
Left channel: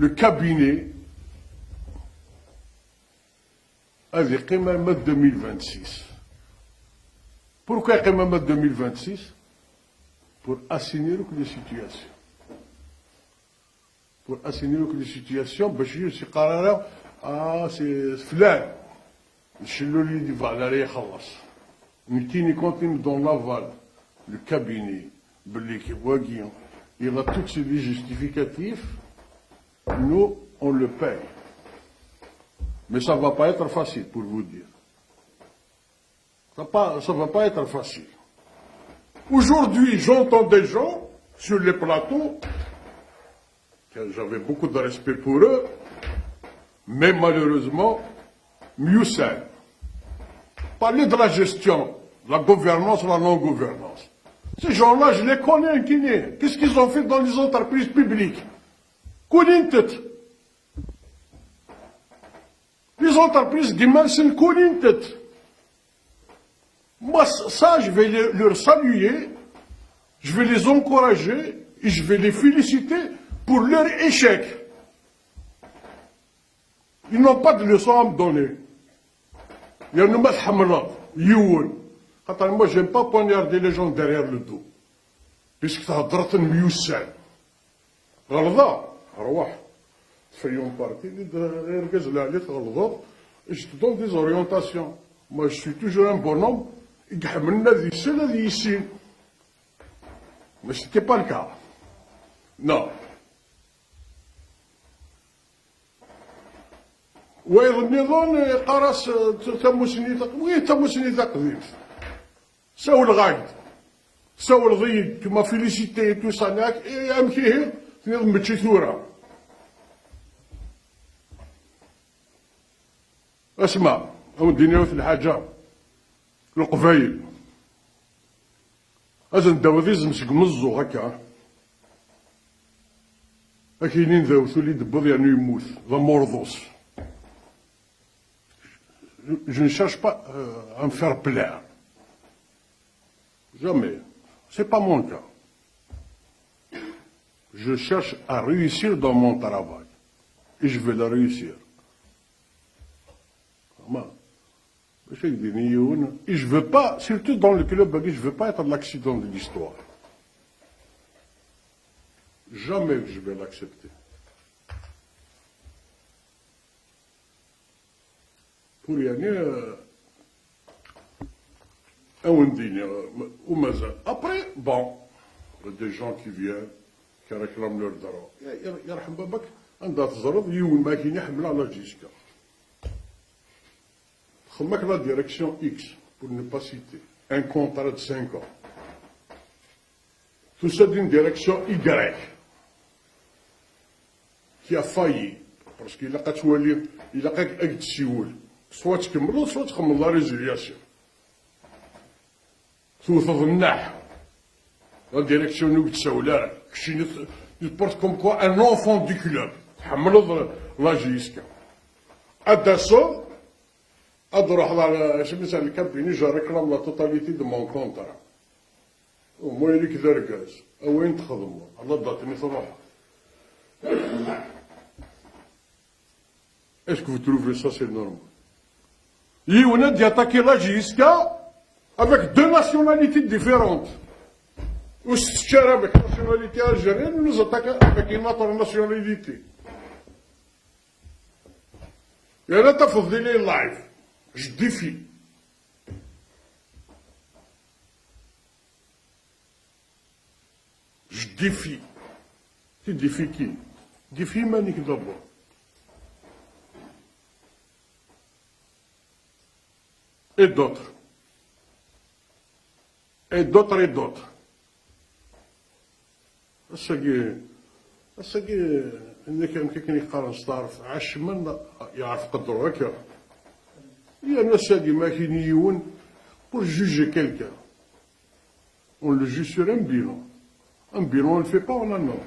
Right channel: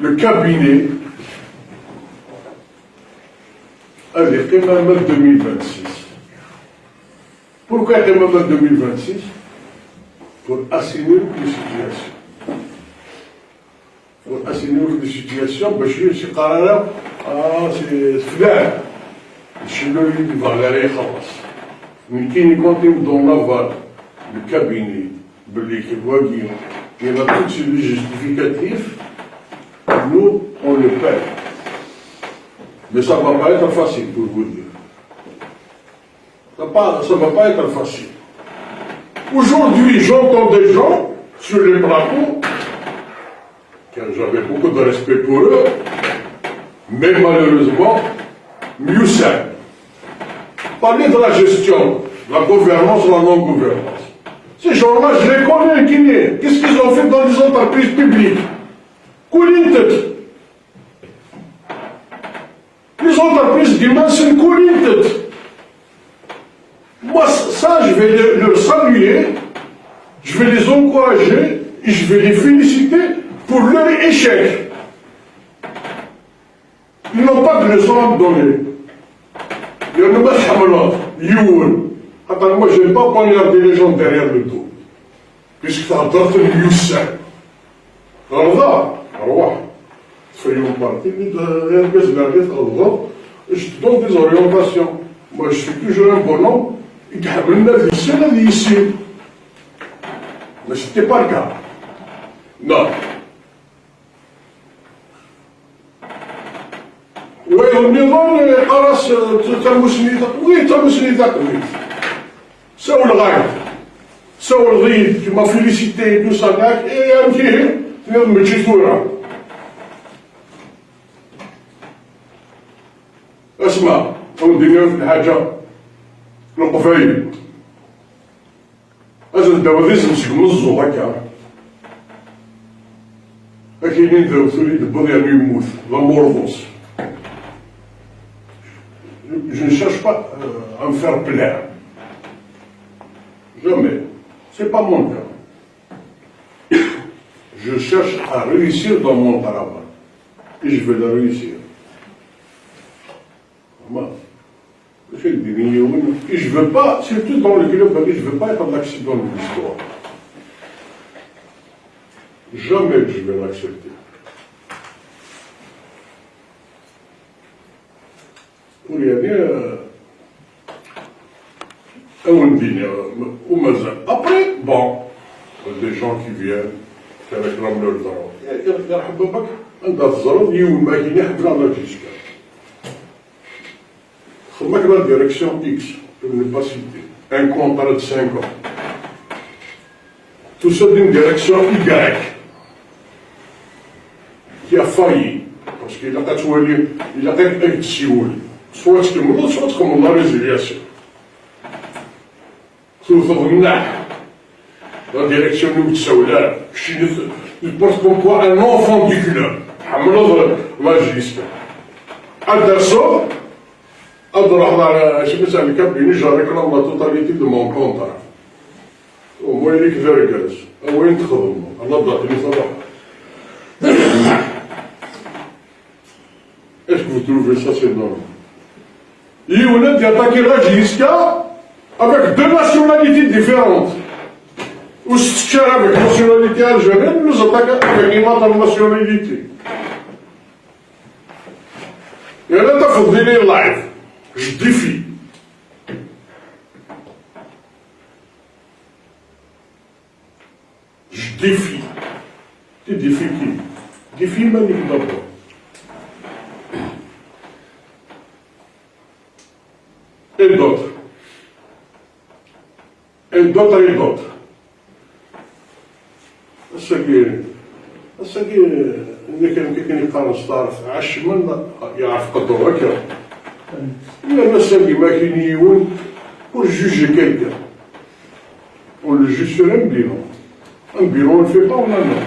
le cabinet avait Qimama 2026. Pourquoi Qimama 2026? Pour assainir les situations. Pour assainir les situations, c'est قرار c'est فلان الشلول اللي فالاري خلاص. Mais qui nous compte dans l'aval, le cabinet, il y a tout sur les justificatifs, nous, on le paie. Mais ça ne va pas être facile pour vous dire. Ça ne va pas être facile. Aujourd'hui, j'entends des gens sur les plateaux, car j'avais beaucoup de respect pour eux, mais malheureusement, mieux simple. Parler de la gestion, la gouvernance, la non-gouvernance. Ces gens-là, je les connais, qu'est-ce qu'ils ont fait dans les entreprises publiques? Les entreprises demain, c'est une moi, ça, je vais leur saluer, je vais les encourager, et je vais les féliciter pour leur échec. Ils n'ont pas de leçon à donner. Il y a une mashamala, youn. Attends, moi, je n'aime pas poignarder les gens derrière le dos. Puisque ça a droit de youssin. Alors là, soyons partis, je te donne des orientations. Moi, je suis toujours un bonhomme, et c'est la vie ici. Mais ce n'était pas le cas. Non. Oui, النظام خلاص تم سنيتك وي تم سنيتك وي سووا الغاية سووا الغيد كيما فيليسيتي تو صداك اي فيه تنظم تجي ثورة. اسمع نديرو في الحاجة القفايل لازم الدواليز نشمزو هكا كاينين ذو ثوري دبو ديالو يموت لا مورفوس. Je ne cherche pas à me faire plaire. Jamais. Ce n'est pas mon cas. Je cherche à réussir dans mon travail. Et je vais le réussir. Et je ne veux pas, surtout dans le club, je ne veux pas être l'accident de l'histoire. Jamais je vais l'accepter. Après, bon, des gens qui viennent, qui réclament leur droit. La direction X, pour ne pas citer, un contrat de 5 ans. Tout ça d'une direction Y, qui a failli, parce qu'il a été Sioul. Soit ce que nous soit comme la résiliation. La direction nous je pense qu'on voit un enfant du club. La gestion. Anderson, je me suis avec cabinet, je réclame la totalité de mon contrat. Au moins, il est que je au moins, il est-ce que vous trouvez ça c'est normal? Il y a attaqué la Giska, avec deux nationalités différentes. Ou si tu es avec la nationalité algérienne, nous attaquons avec une autre nationalité. Et là, tu as fait des live. Je défie. Je défie. Tu défies qui? Défie Malik d'abord. Et d'autres. Et d'autres et d'autres. أساقي اللي كان يقرا صدار في عشمن يعرف قدر هكا إلا أساقي ما كاين يون pour juger quelqu'un. On le juge sur un bilan. Un bilan, on ne le fait pas en un an.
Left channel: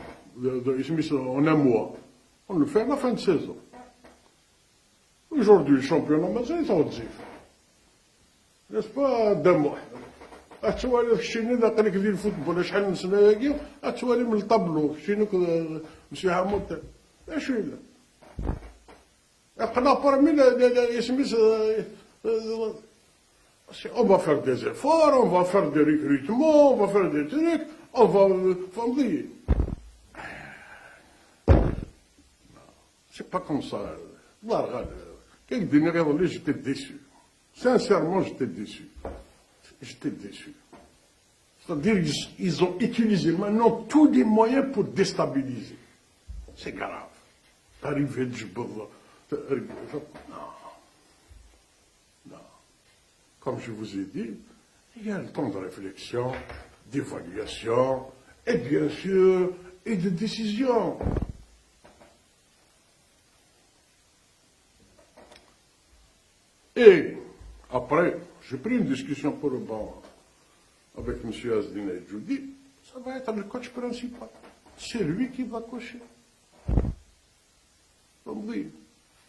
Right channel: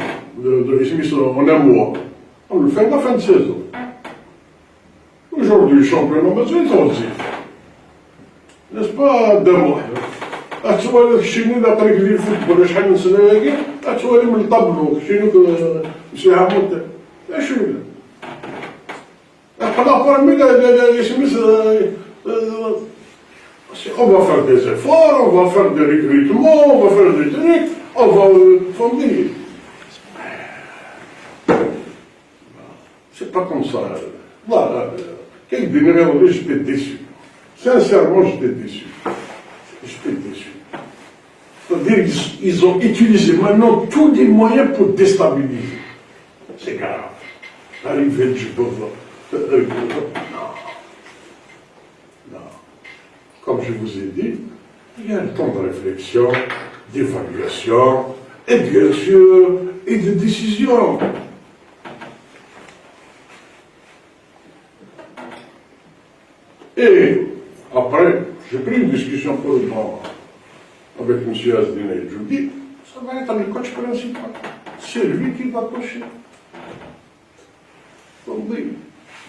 En un mois. On le fait à la fin de saison. Aujourd'hui, le championnat, c'est intensif. N'est-ce pas, d'un mois? أتوالي شنو إذا طريق لي الفوتبول شحال من سنة هاكي أتوالي من الطابلو شنو مسي عمود شنو أقرا ميلا يسميس on va faire des efforts, on va faire des recrutements, on va faire des trucs, on va fonder. C'est pas comme ça. Là, quelques diners, j'étais déçu. Sincèrement, j'étais déçu. J'étais déçu. C'est-à-dire qu'ils ont utilisé maintenant tous les moyens pour déstabiliser. C'est grave. L'arrivée du pauvre. Non. Non. Comme je vous ai dit, il y a un temps de réflexion, d'évaluation, et bien sûr, et de décision. Et après, j'ai pris une discussion pour le moment avec M. Asdin et je dis, ça va être le coach principal. C'est lui qui va coacher. Donc,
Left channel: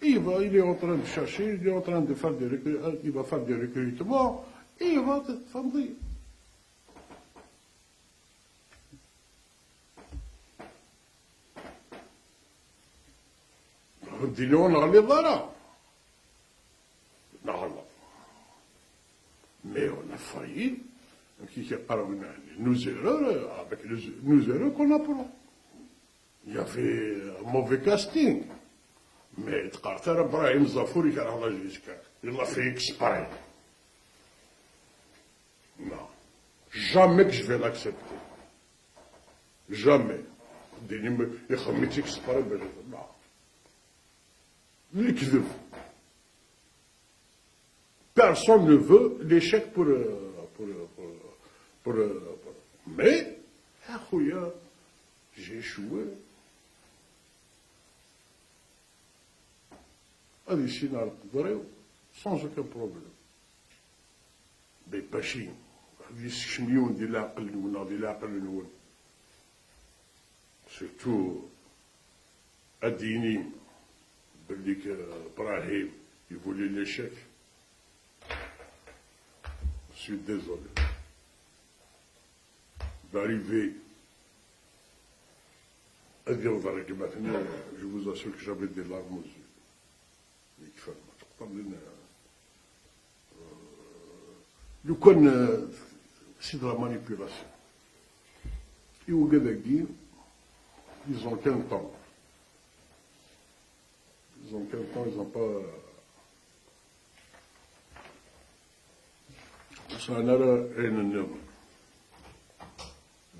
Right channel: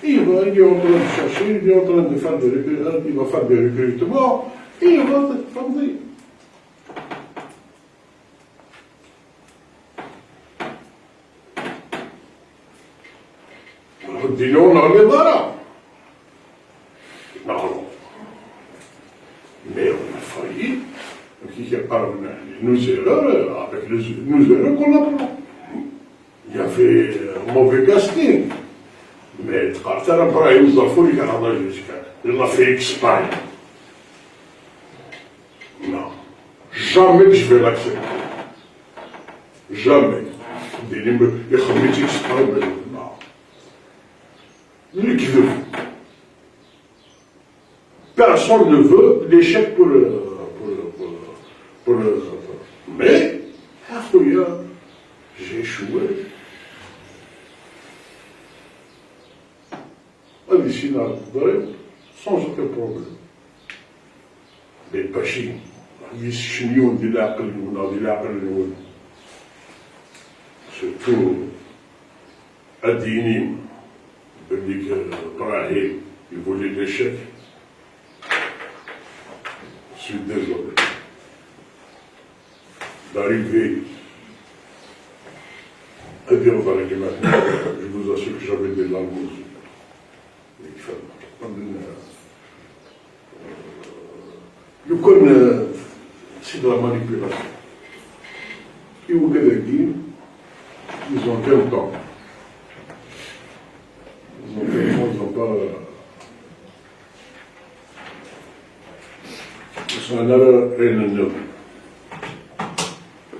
il est en train de chercher, il est en train de faire des recrutements, il va faire des recrutements, et il va fonder. Disons, on enlève là. Non. Mais on a failli. Nos erreurs, avec nos erreurs qu'on a pris. Il y avait un mauvais casting. Mais Tartar Ibrahim Zafour, il l'a fait exprès. Non. Jamais que je vais l'accepter. Jamais. Il fait exprès, mais non. Lui qui veut. Personne ne veut l'échec pour mais, j'ai échoué. Ici, sans aucun problème. Mais Bachir, surtout Adini, Brahim, il voulait l'échec. Je suis désolé. D'arriver à dire aux Américains, je vous assure que j'avais des langues. Le connaît, c'est de la manipulation. Qui vous dit, ils ont 20 ans. Ils ont 20 ans, ils n'ont pas. C'est un erreur et un erreur.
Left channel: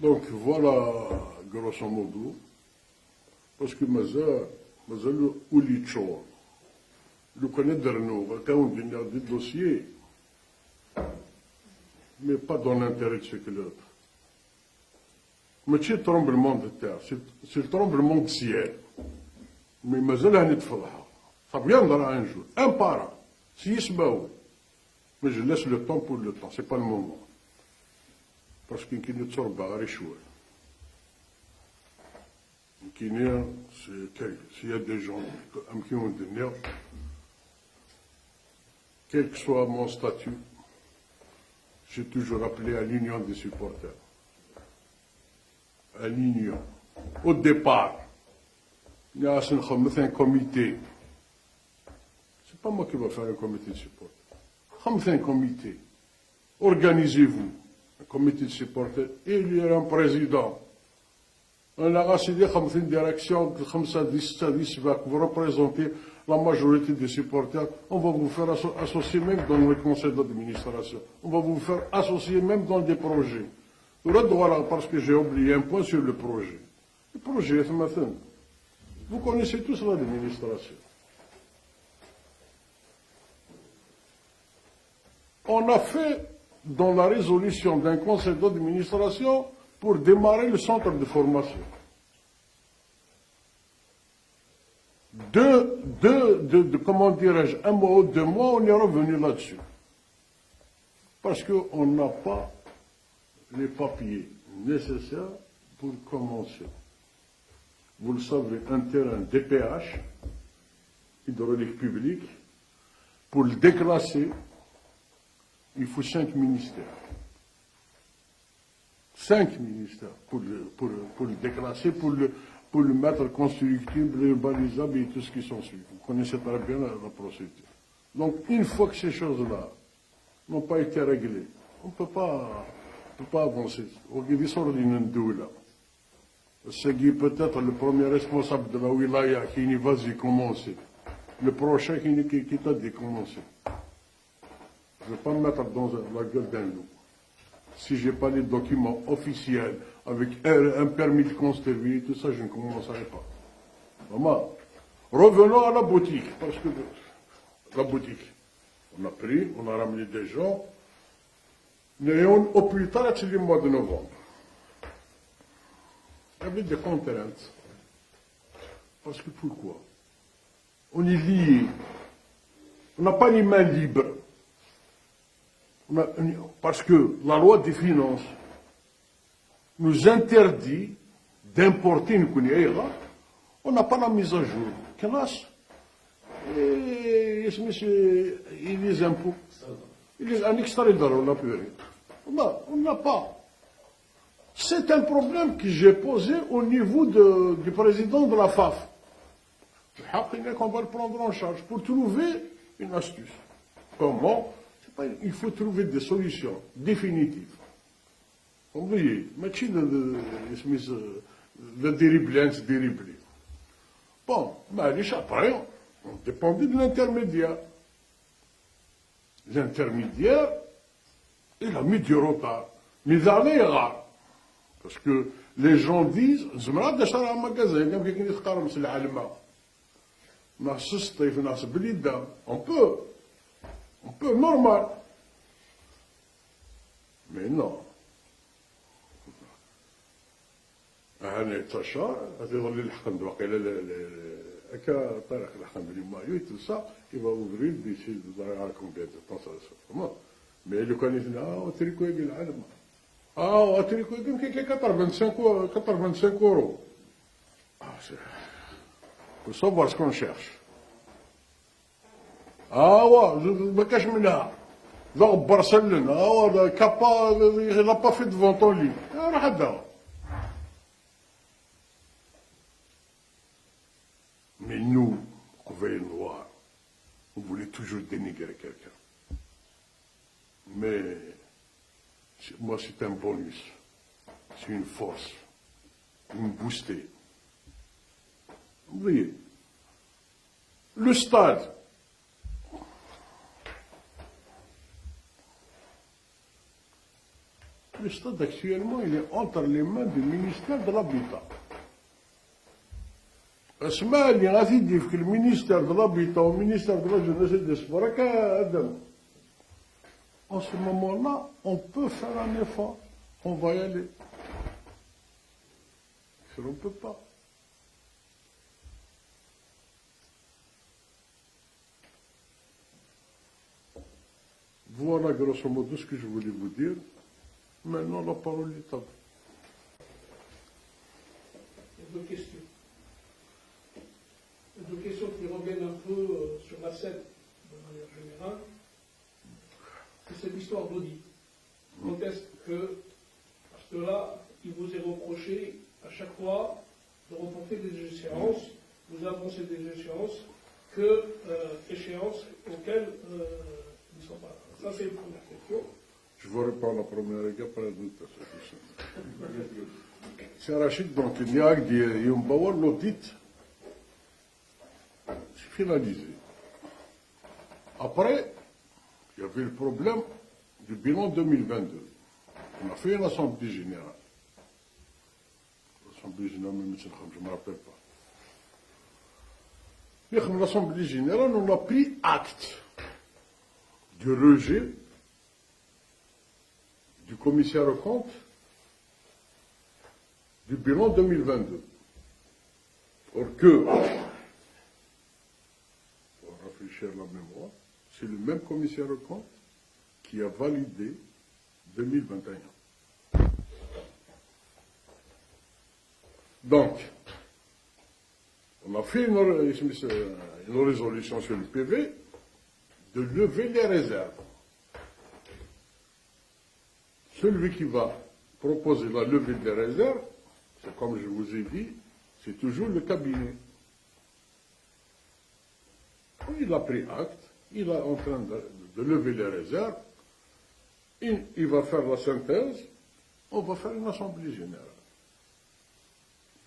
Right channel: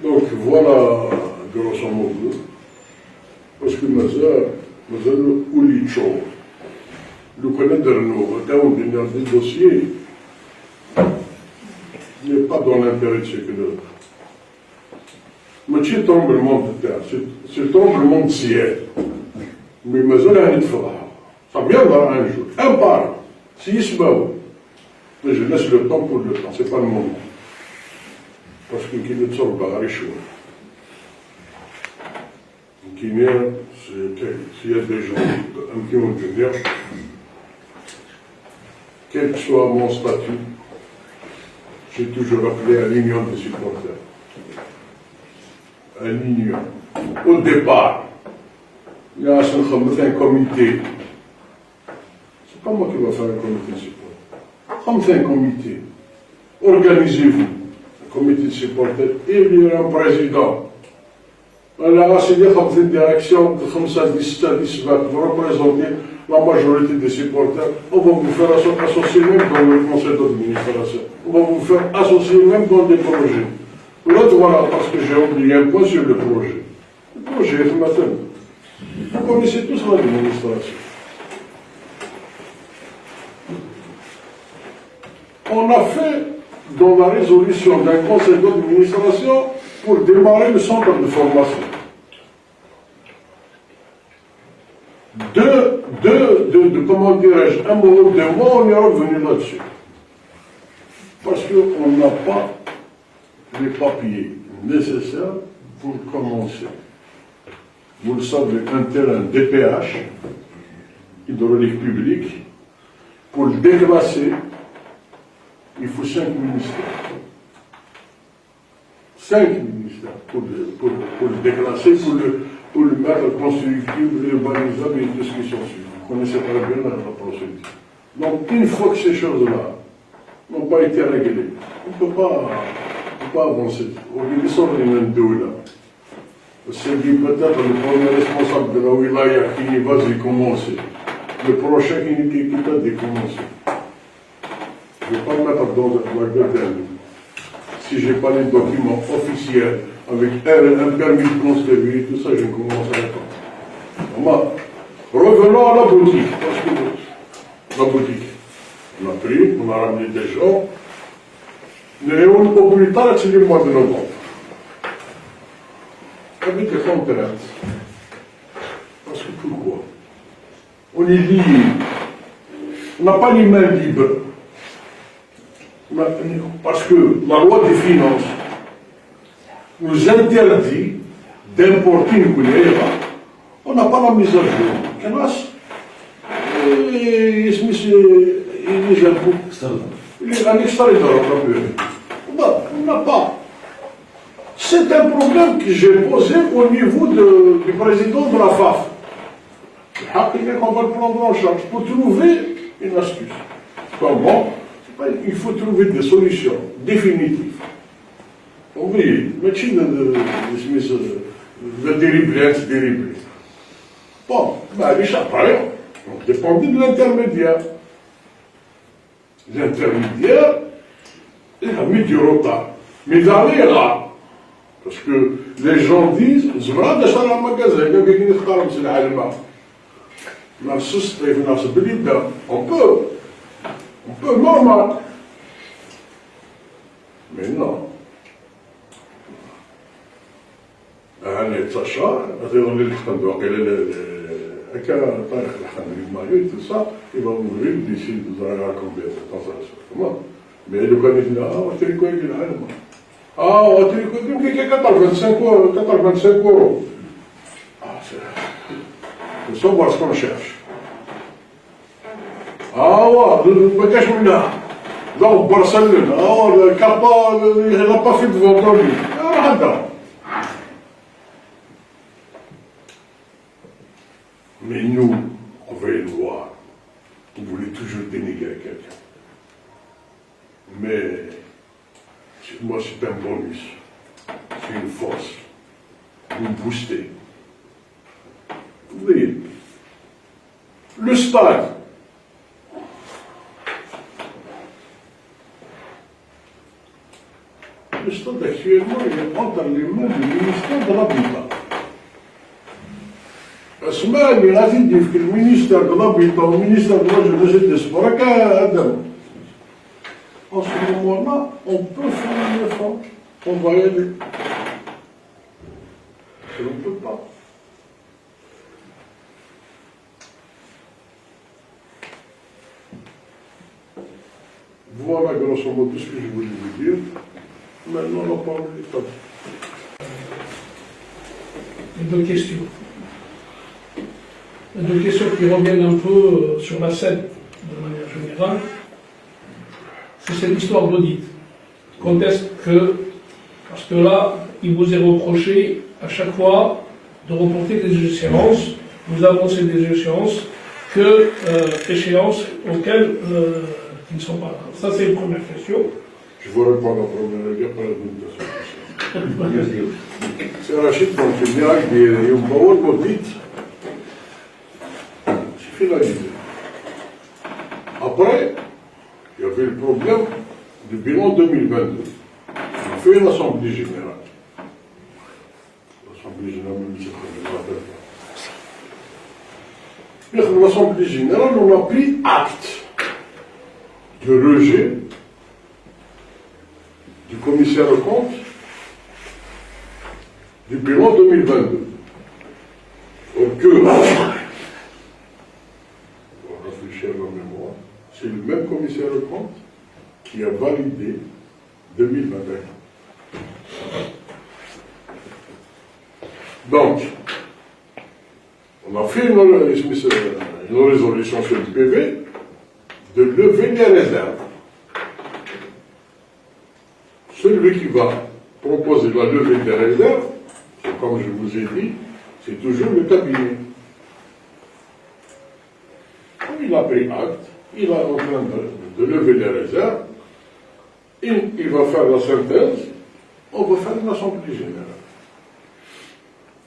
Donc voilà, grosso modo, parce que ma soeur, Ulicho, le connaître nous, dans des dossiers, n'est pas dans l'intérêt de chacun d'autre. Mais c'est tremblement de terre, c'est tremblement de ciel. Mais ma soeur a une fois, ça viendra un jour, un par, s'il se bat. Mais je laisse le temps pour le temps, c'est pas le moment. Parce que qui ne sort pas à l'échouer. Qui n'est, s'il y a des gens qui ont dû dire, quel que soit mon statut, j'ai toujours appelé à l'union des supporters. À l'union. Au départ, il y a un comité. C'est pas moi qui vais faire un comité de support. Comme c'est un comité. organisez-vous, le comité de supporters, il y aura un président. Alors, c'est dire comme une direction, comme ça, 10, vous représentez la majorité des supporters, on va vous faire associer même dans le conseil d'administration. On va vous faire associer même dans des projets. Là, voilà, parce que j'ai oublié un point sur le projet. Le projet, ce matin. Vous connaissez tous l'administration. On a fait dans la résolution d'un conseil d'administration pour démarrer le centre de formation. Comment dirais-je, un mot, 2 mois, on est revenu là-dessus. Parce qu'on n'a pas les papiers nécessaires pour commencer. Vous le savez, un terrain DPH, hydraulique publique, pour le déclasser, il faut 5 ministères. 5 ministères pour le déclasser, pour le mettre constructible, urbanisable et tout ce qui s'ensuit. Vous connaissez très bien la procédure. Donc, une fois que ces choses-là n'ont pas été réglées, on ne peut pas avancer. Ils sont les mêmes deux là. C'est peut-être le premier responsable de la wilaya qui va y commencer. Le prochain qui peut décommencer. Je ne vais pas me mettre dans la gueule. Si je n'ai pas les documents officiels avec un permis de construire, tout ça, je ne commencerai pas. Revenons à la boutique. Parce que la boutique, on a pris, on a ramené des gens. Mais au plus tard, c'est le mois de novembre. On était contraints. Parce que pourquoi? On est liés. On n'a pas les mains libres. Parce que la loi des finances nous interdit d'importer une couleur. On n'a pas la mise à jour. Et les impôts. On n'a pas. C'est un problème que j'ai posé au niveau du président de la FAF. On va le prendre en charge pour trouver une astuce. Comment? Il faut trouver des solutions définitives. Vous voyez, le dérivé. Bon, les chapeaux, on dépendait de l'intermédiaire. L'intermédiaire, il a mis du retard. Mais d'aller là, parce que les gens disent, je vais acheter un magasin, il y a quelqu'un qui travaille sur l'allemand. On peut, normal. Mais non. أنا يتصشى أيضا للخندق المايو tout ça il va ouvrir d'ici vous allez combien de temps ça se fait comment mais le gars dit on va te dire quoi il a on va te dire quoi qui est 25 euros c'est ça voir ce qu'on cherche ouais bagage là dans Barcelone le Kappa il n'a pas fait de vente lui Mais nous, on va le voir. On voulait toujours dénigrer quelqu'un. Mais moi, c'est un bonus. C'est une force. Nous booster. Vous voyez, le stade. Le stade actuellement, il est entre les mains du ministère de l'Habitat. اسمعني غادي في المينيستير de l'Habitat au ministère de la Jeunesse et des Sports en ce moment-là, on peut faire un effort. On va y aller. On ne peut pas. Voilà grosso modo tout ce que je voulais vous dire. Maintenant, on va parler des femmes. Deux questions. Deux questions qui reviennent un peu sur la scène, de manière générale. C'est cette histoire d'audit. Quand est-ce que, parce que là, il vous est reproché à chaque fois de reporter des échéances, vous avancez des échéances, échéances auxquelles qui ne sont pas là. Ça, c'est une première question. Je vous réponds à la première guerre, pas la deuxième. C'est Rachid Montignac, il y a un parole maudite. C'est finalisé. Après, il y avait le problème du bilan 2022. On a fait une assemblée générale. L'assemblée générale, même si je ne me rappelle pas. Dans l'assemblée générale, on a pris acte du rejet du commissaire aux comptes du bilan 2022. Donc, pour réfléchir à la mémoire, c'est le même commissaire aux comptes qui a validé 2021. Donc, on a fait une résolution sur le PV de lever les réserves. Celui qui va proposer la levée des réserves, c'est comme je vous ai dit, c'est toujours le cabinet. Il a pris acte, il est en train de lever les réserves, il va faire la synthèse, on va faire une assemblée générale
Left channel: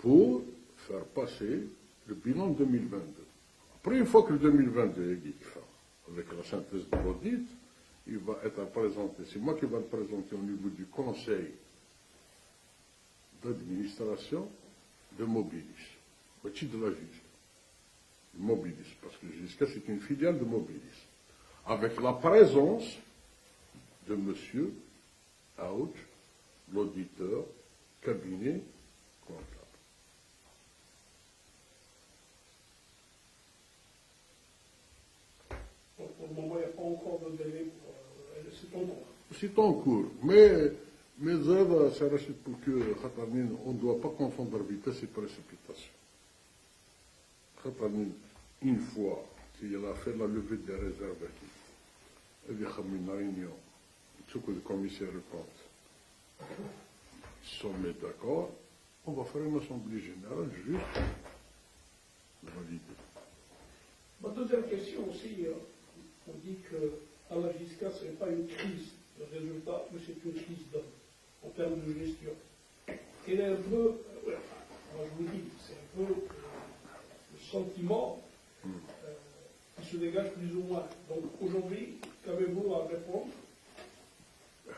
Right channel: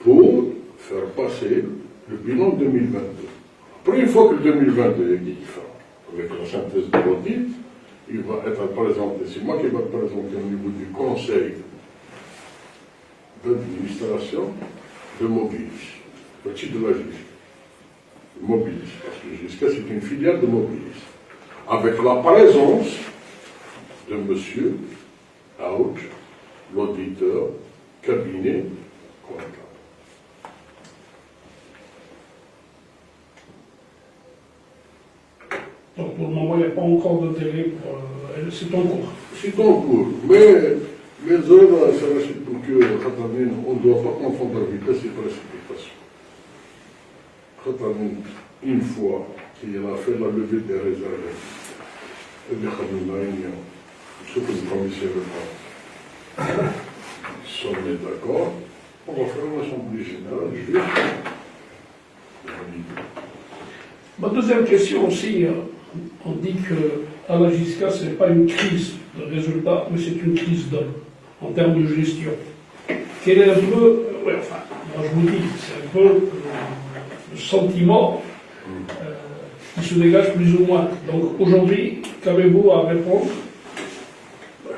pour faire passer le bilan 2022. Après, une fois que le 2022 est différent, avec la synthèse de l'audit, il va être présenté, c'est moi qui vais le présenter au niveau du conseil d'administration de Mobilis, petit de la GISC. Mobilis, parce que GISC c'est une filiale de Mobilis, avec la présence de monsieur Aouch, l'auditeur, cabinet, comptable. Donc pour le moment, il n'y a pas encore de délai pour... c'est en cours. C'est en cours, mais les œuvres, c'est pour que on ne doit pas confondre vitesse et précipitation. Une fois qu'il a fait la levée des réserves, et des Khamina, ce que le commissaire de compte, si on est d'accord, on va faire une assemblée générale juste. Ma deuxième question aussi, on dit qu'à la JISCA, ce n'est pas une crise de résultats, mais c'est une crise d'homme, en termes de gestion. Quel est un peu, moi je vous dis, c'est un peu le sentiment qui se dégage plus ou moins. Donc aujourd'hui, qu'avez-vous à répondre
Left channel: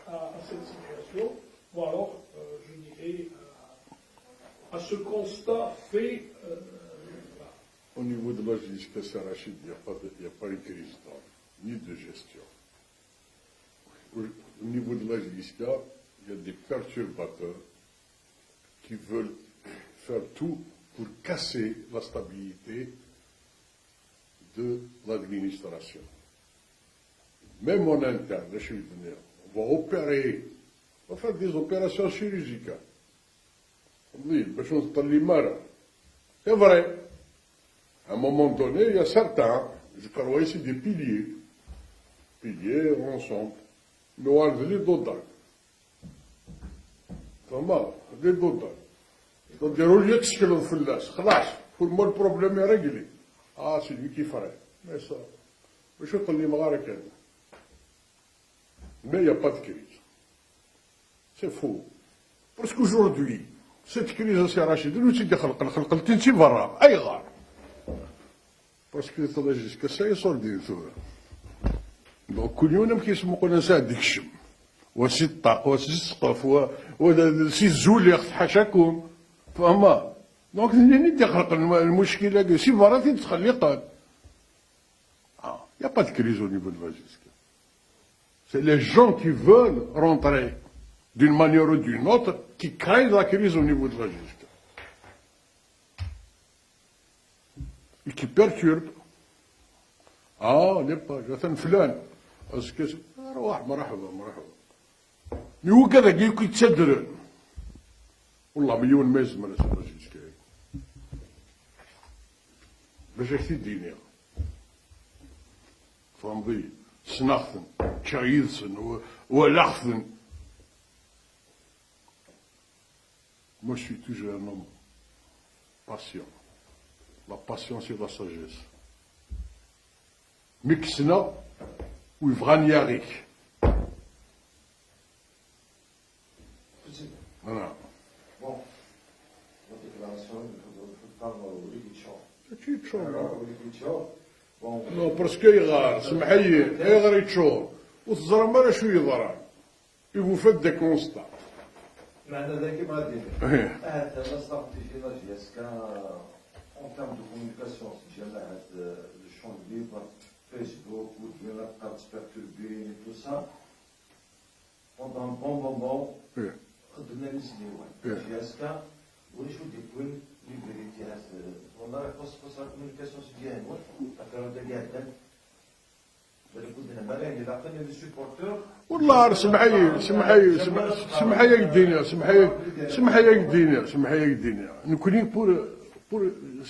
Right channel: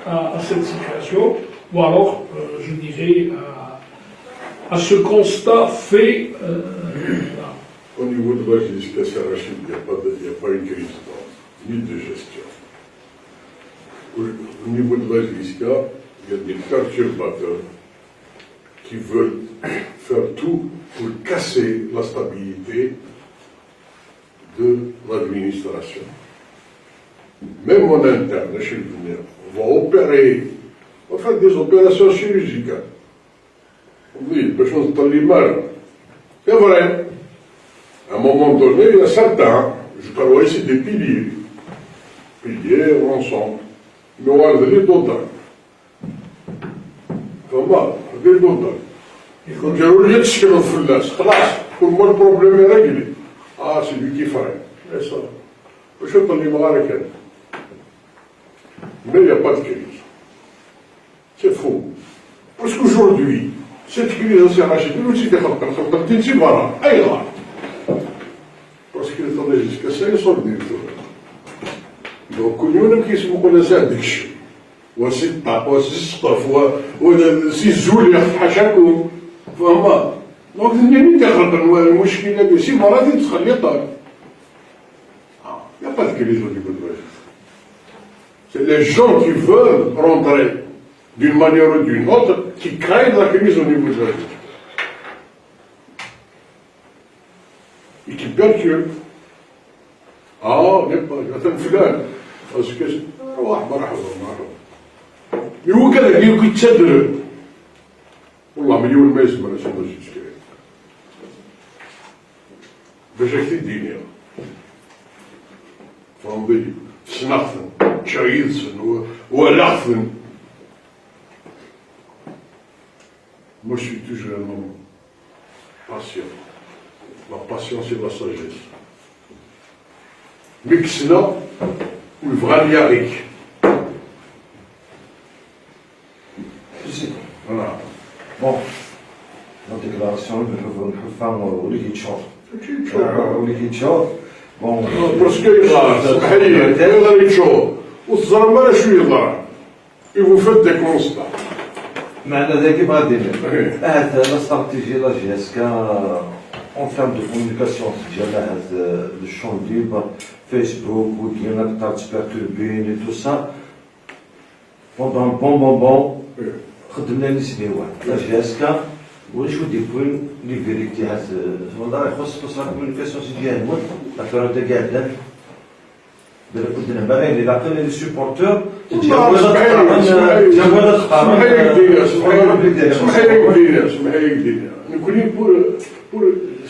à cette situation, ou alors, je dirais, à ce constat fait Au niveau de la JISCA, c'est Rachid, il n'y a pas une crise ni de gestion. Au niveau de la JISCA, il y a des perturbateurs qui veulent faire tout pour casser la stabilité de l'administration. Même en interne, chez le venir, on va opérer, on va faire des opérations chirurgicales. On dit, les choses dans les mains. C'est vrai. À un moment donné, il y a certains, je crois ici des piliers ensemble, mais on va dire d'autres. Comment? Des d'autres. Donc, j'ai oublié de ce que l'on fait là. Pour moi, le problème est réglé. Ah, c'est lui qui ferait. C'est ça. Je suis dans les mains avec elle. Mais il n'y a pas de crise. C'est faux. Parce qu'aujourd'hui, cette crise s'est rachée. Nous, c'était un petit barra. Aïe, là. Parce qu'il est jusqu'à ça, ils sont venus. Donc, nous, qui sont connaissés à des choses. وست طابوس السطف وسيزول يحشاكم فهمت دونك منين تخلق المشكله دي سي مرات تخليطها il n'y a pas de crise au niveau de la justice. C'est les gens qui veulent rentrer d'une manière ou d'une autre qui créent la crise au niveau de la justice. Et qui perturbent. Ah, il y a un فلان parce que روح مرحبا هو كذا اللي يتسدر والله مليون ما يسمى لا سيدنا الشيخ باش هكذا الدنيا فهمتي سنخثن شايدسن ولخثن Moi, je suis toujours un homme patient. La patience et la sagesse. Mais que sinon, ou vraiment avec. La déclaration de Hufan Oligitchor. C'est Oligitchor. Bon. Parce que il يتشوف والزرمبة شو يضرب et vous faites des constats. معنى ذلك غادي هذا لا استراتيجي لا جيسكا اون تيرم دو كومونيكاسيون ديالنا هذا لو شون ليبر فيسبوك وديالنا بطاط بيرتوربين تو سا بوندون بون خدمنا لي سنيوات لا جيسكا ولا شو ديكون لي فيريتي هذا والله يخص لا كومونيكاسيون ديالنا لا كاع الناس كنا باغيين اللي عطينا لي سيبورتور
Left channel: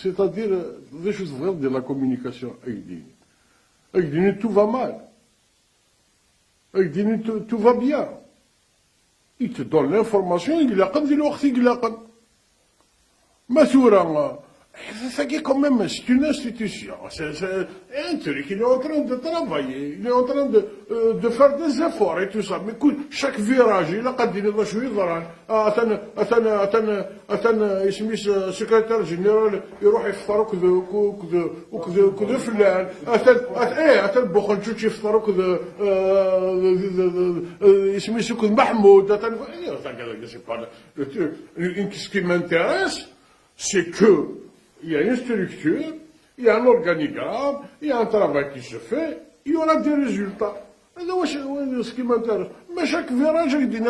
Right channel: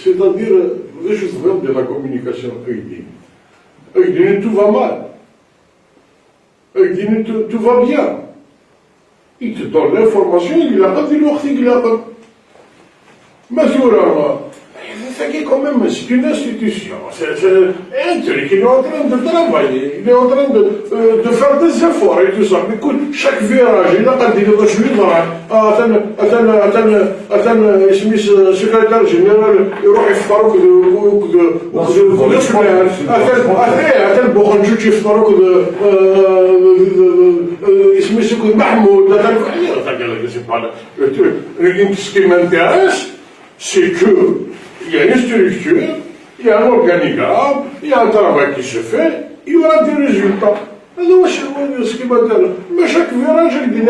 c'est-à-dire les choses vraies de la communication tout va mal. Tout va bien. Il te donne l'information, il a pas dit l'autre qu'il a pas. Mais c'est quand même une institution. C'est un truc, il est en train de travailler, il est en train de faire des efforts et tout ça. Mais écoute, chaque virage, il a dit que je suis là. Attends, secrétaire général, il va faire attends, Bourandjou, il va faire Mahmoud. C'est pas le truc. Ce qui m'intéresse, c'est que il y a une structure, il y a un organigramme, il y a un travail qui se fait, il y aura des résultats. Ce qui m'intéresse. Mais chaque virage, il dit,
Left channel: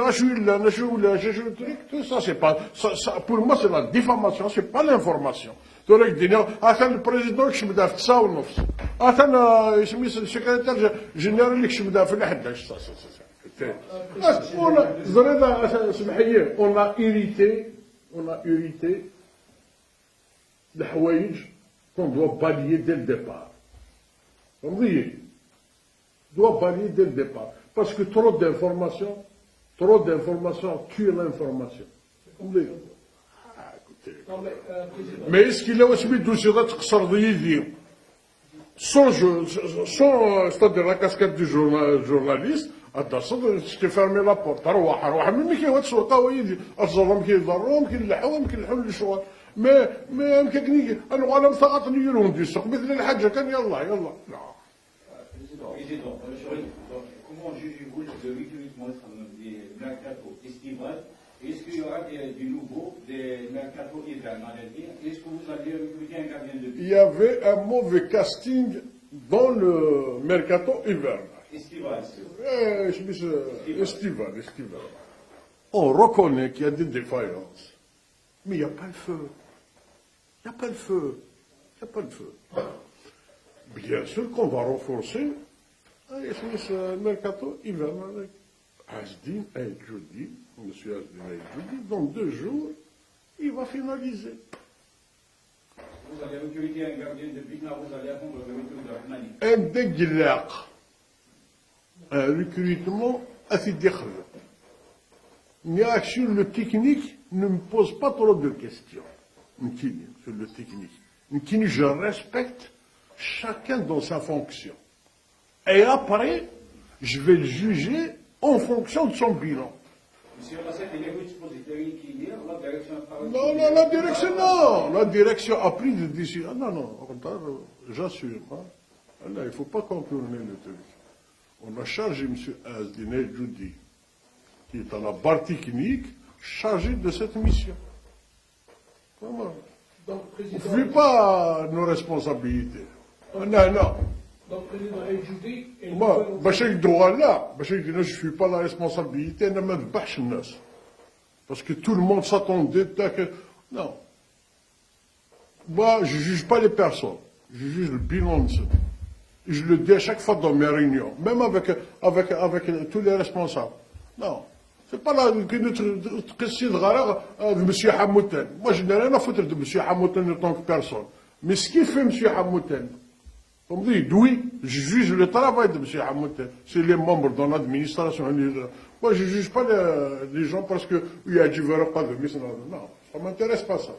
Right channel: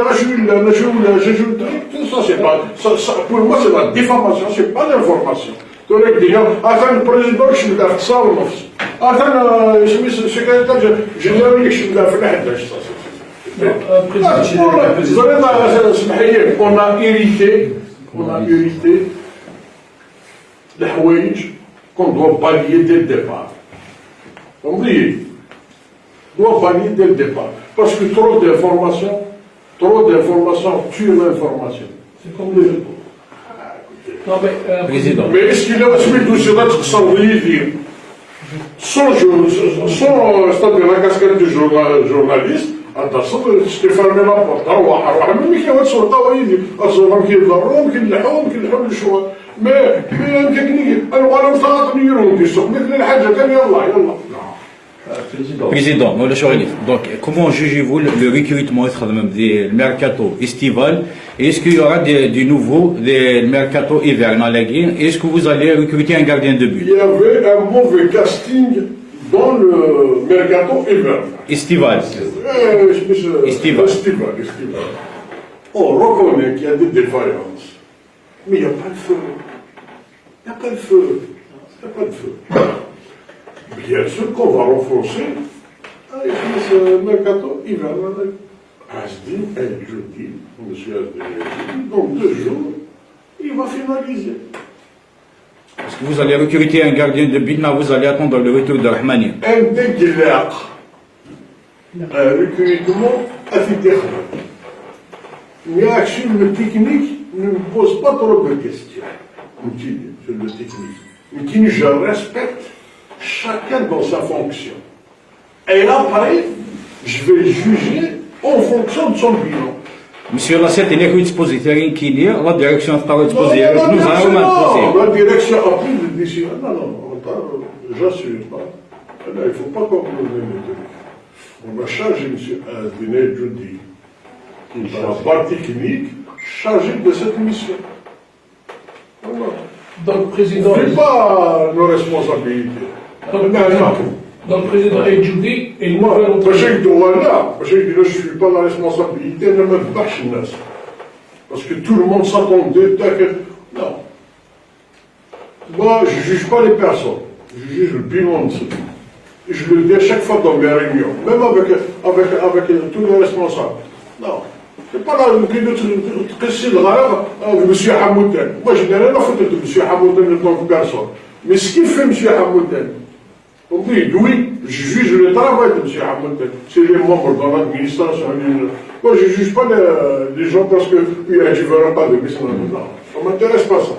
ça, c'est pas, ça, pour moi, c'est la diffamation, c'est pas l'information. Donc, il dit, attends, le président, je suis d'accord, ça, on offre. Attends, le secrétaire général, je suis d'accord, on a hérité les حوايج qu'on doit balayer dès le départ. On doit balayer dès le départ. Parce que trop d'informations tuent l'information. C'est comme les autres. Non, mais, Président. Mais est-ce qu'il a aussi tout cela sans dire c'est-à-dire la casquette du journaliste, attention, je t'ai fermé la porte. Alors, même qui va sur ta voie, الظلام كيضرهم كيلحقوا الشوا. Mais une technique, alors on s'arrête de dire que sur les حاجة كان يلا. Président, donc comment jugez-vous le recrutement du mercato estival? Est-ce qu'il y aura du nouveau, le mercato hivernal? Est-ce que vous allez recruter un gardien de but? Il y avait un mauvais casting dans le mercato hivernal. Estival. Estival. On reconnaît qu'il y a des défaillances. Mais il n'y a pas de feu. Il n'y a pas de feu. Bien sûr qu'on va renforcer ce mercato hivernal. Asdim El Joudi, monsieur Asdim, dans 2 jours, il va finaliser. Est-ce que vous allez recruter un gardien de but, mais vous allez attendre le retour de Rahmani? Un dégueulasse. Un recrutement assez terrible. Mais sur le technique, ne me pose pas trop de questions. Sur le technique. Mais je respecte chacun dans sa fonction. Et là, pareil, je vais juger en fonction de son bilan. Monsieur Lassette, il est dispositif qui est la direction est disposée. La direction a pris des décisions. Non, j'assure pas. Il ne faut pas conclure les trucs. On a chargé M. Adine Joudi, qui est la partie technique, chargé de cette mission. Voilà. Donc, président. Ce n'est pas nos responsabilités. Donc, président Ejoudi et moi, je ne suis pas la responsabilité de même pas chinoise. Parce que tout le monde s'attendait que. Non. Moi, je ne juge pas les personnes. Je juge le bilan de ce truc. Et je le dis à chaque fois dans mes réunions, même avec tous les responsables. Non. C'est pas là que c'est grave, M. Hamouden. Moi, je n'ai rien à foutre de M. Hamouden en tant que personne. Mais ce qu'il fait, M. Hamouden, on dit, oui, je juge le travail de M. Hamouden. C'est les membres dans l'administration. Moi, je ne juge pas les gens parce que tu ne verras pas de business. Non, ça ne m'intéresse pas ça.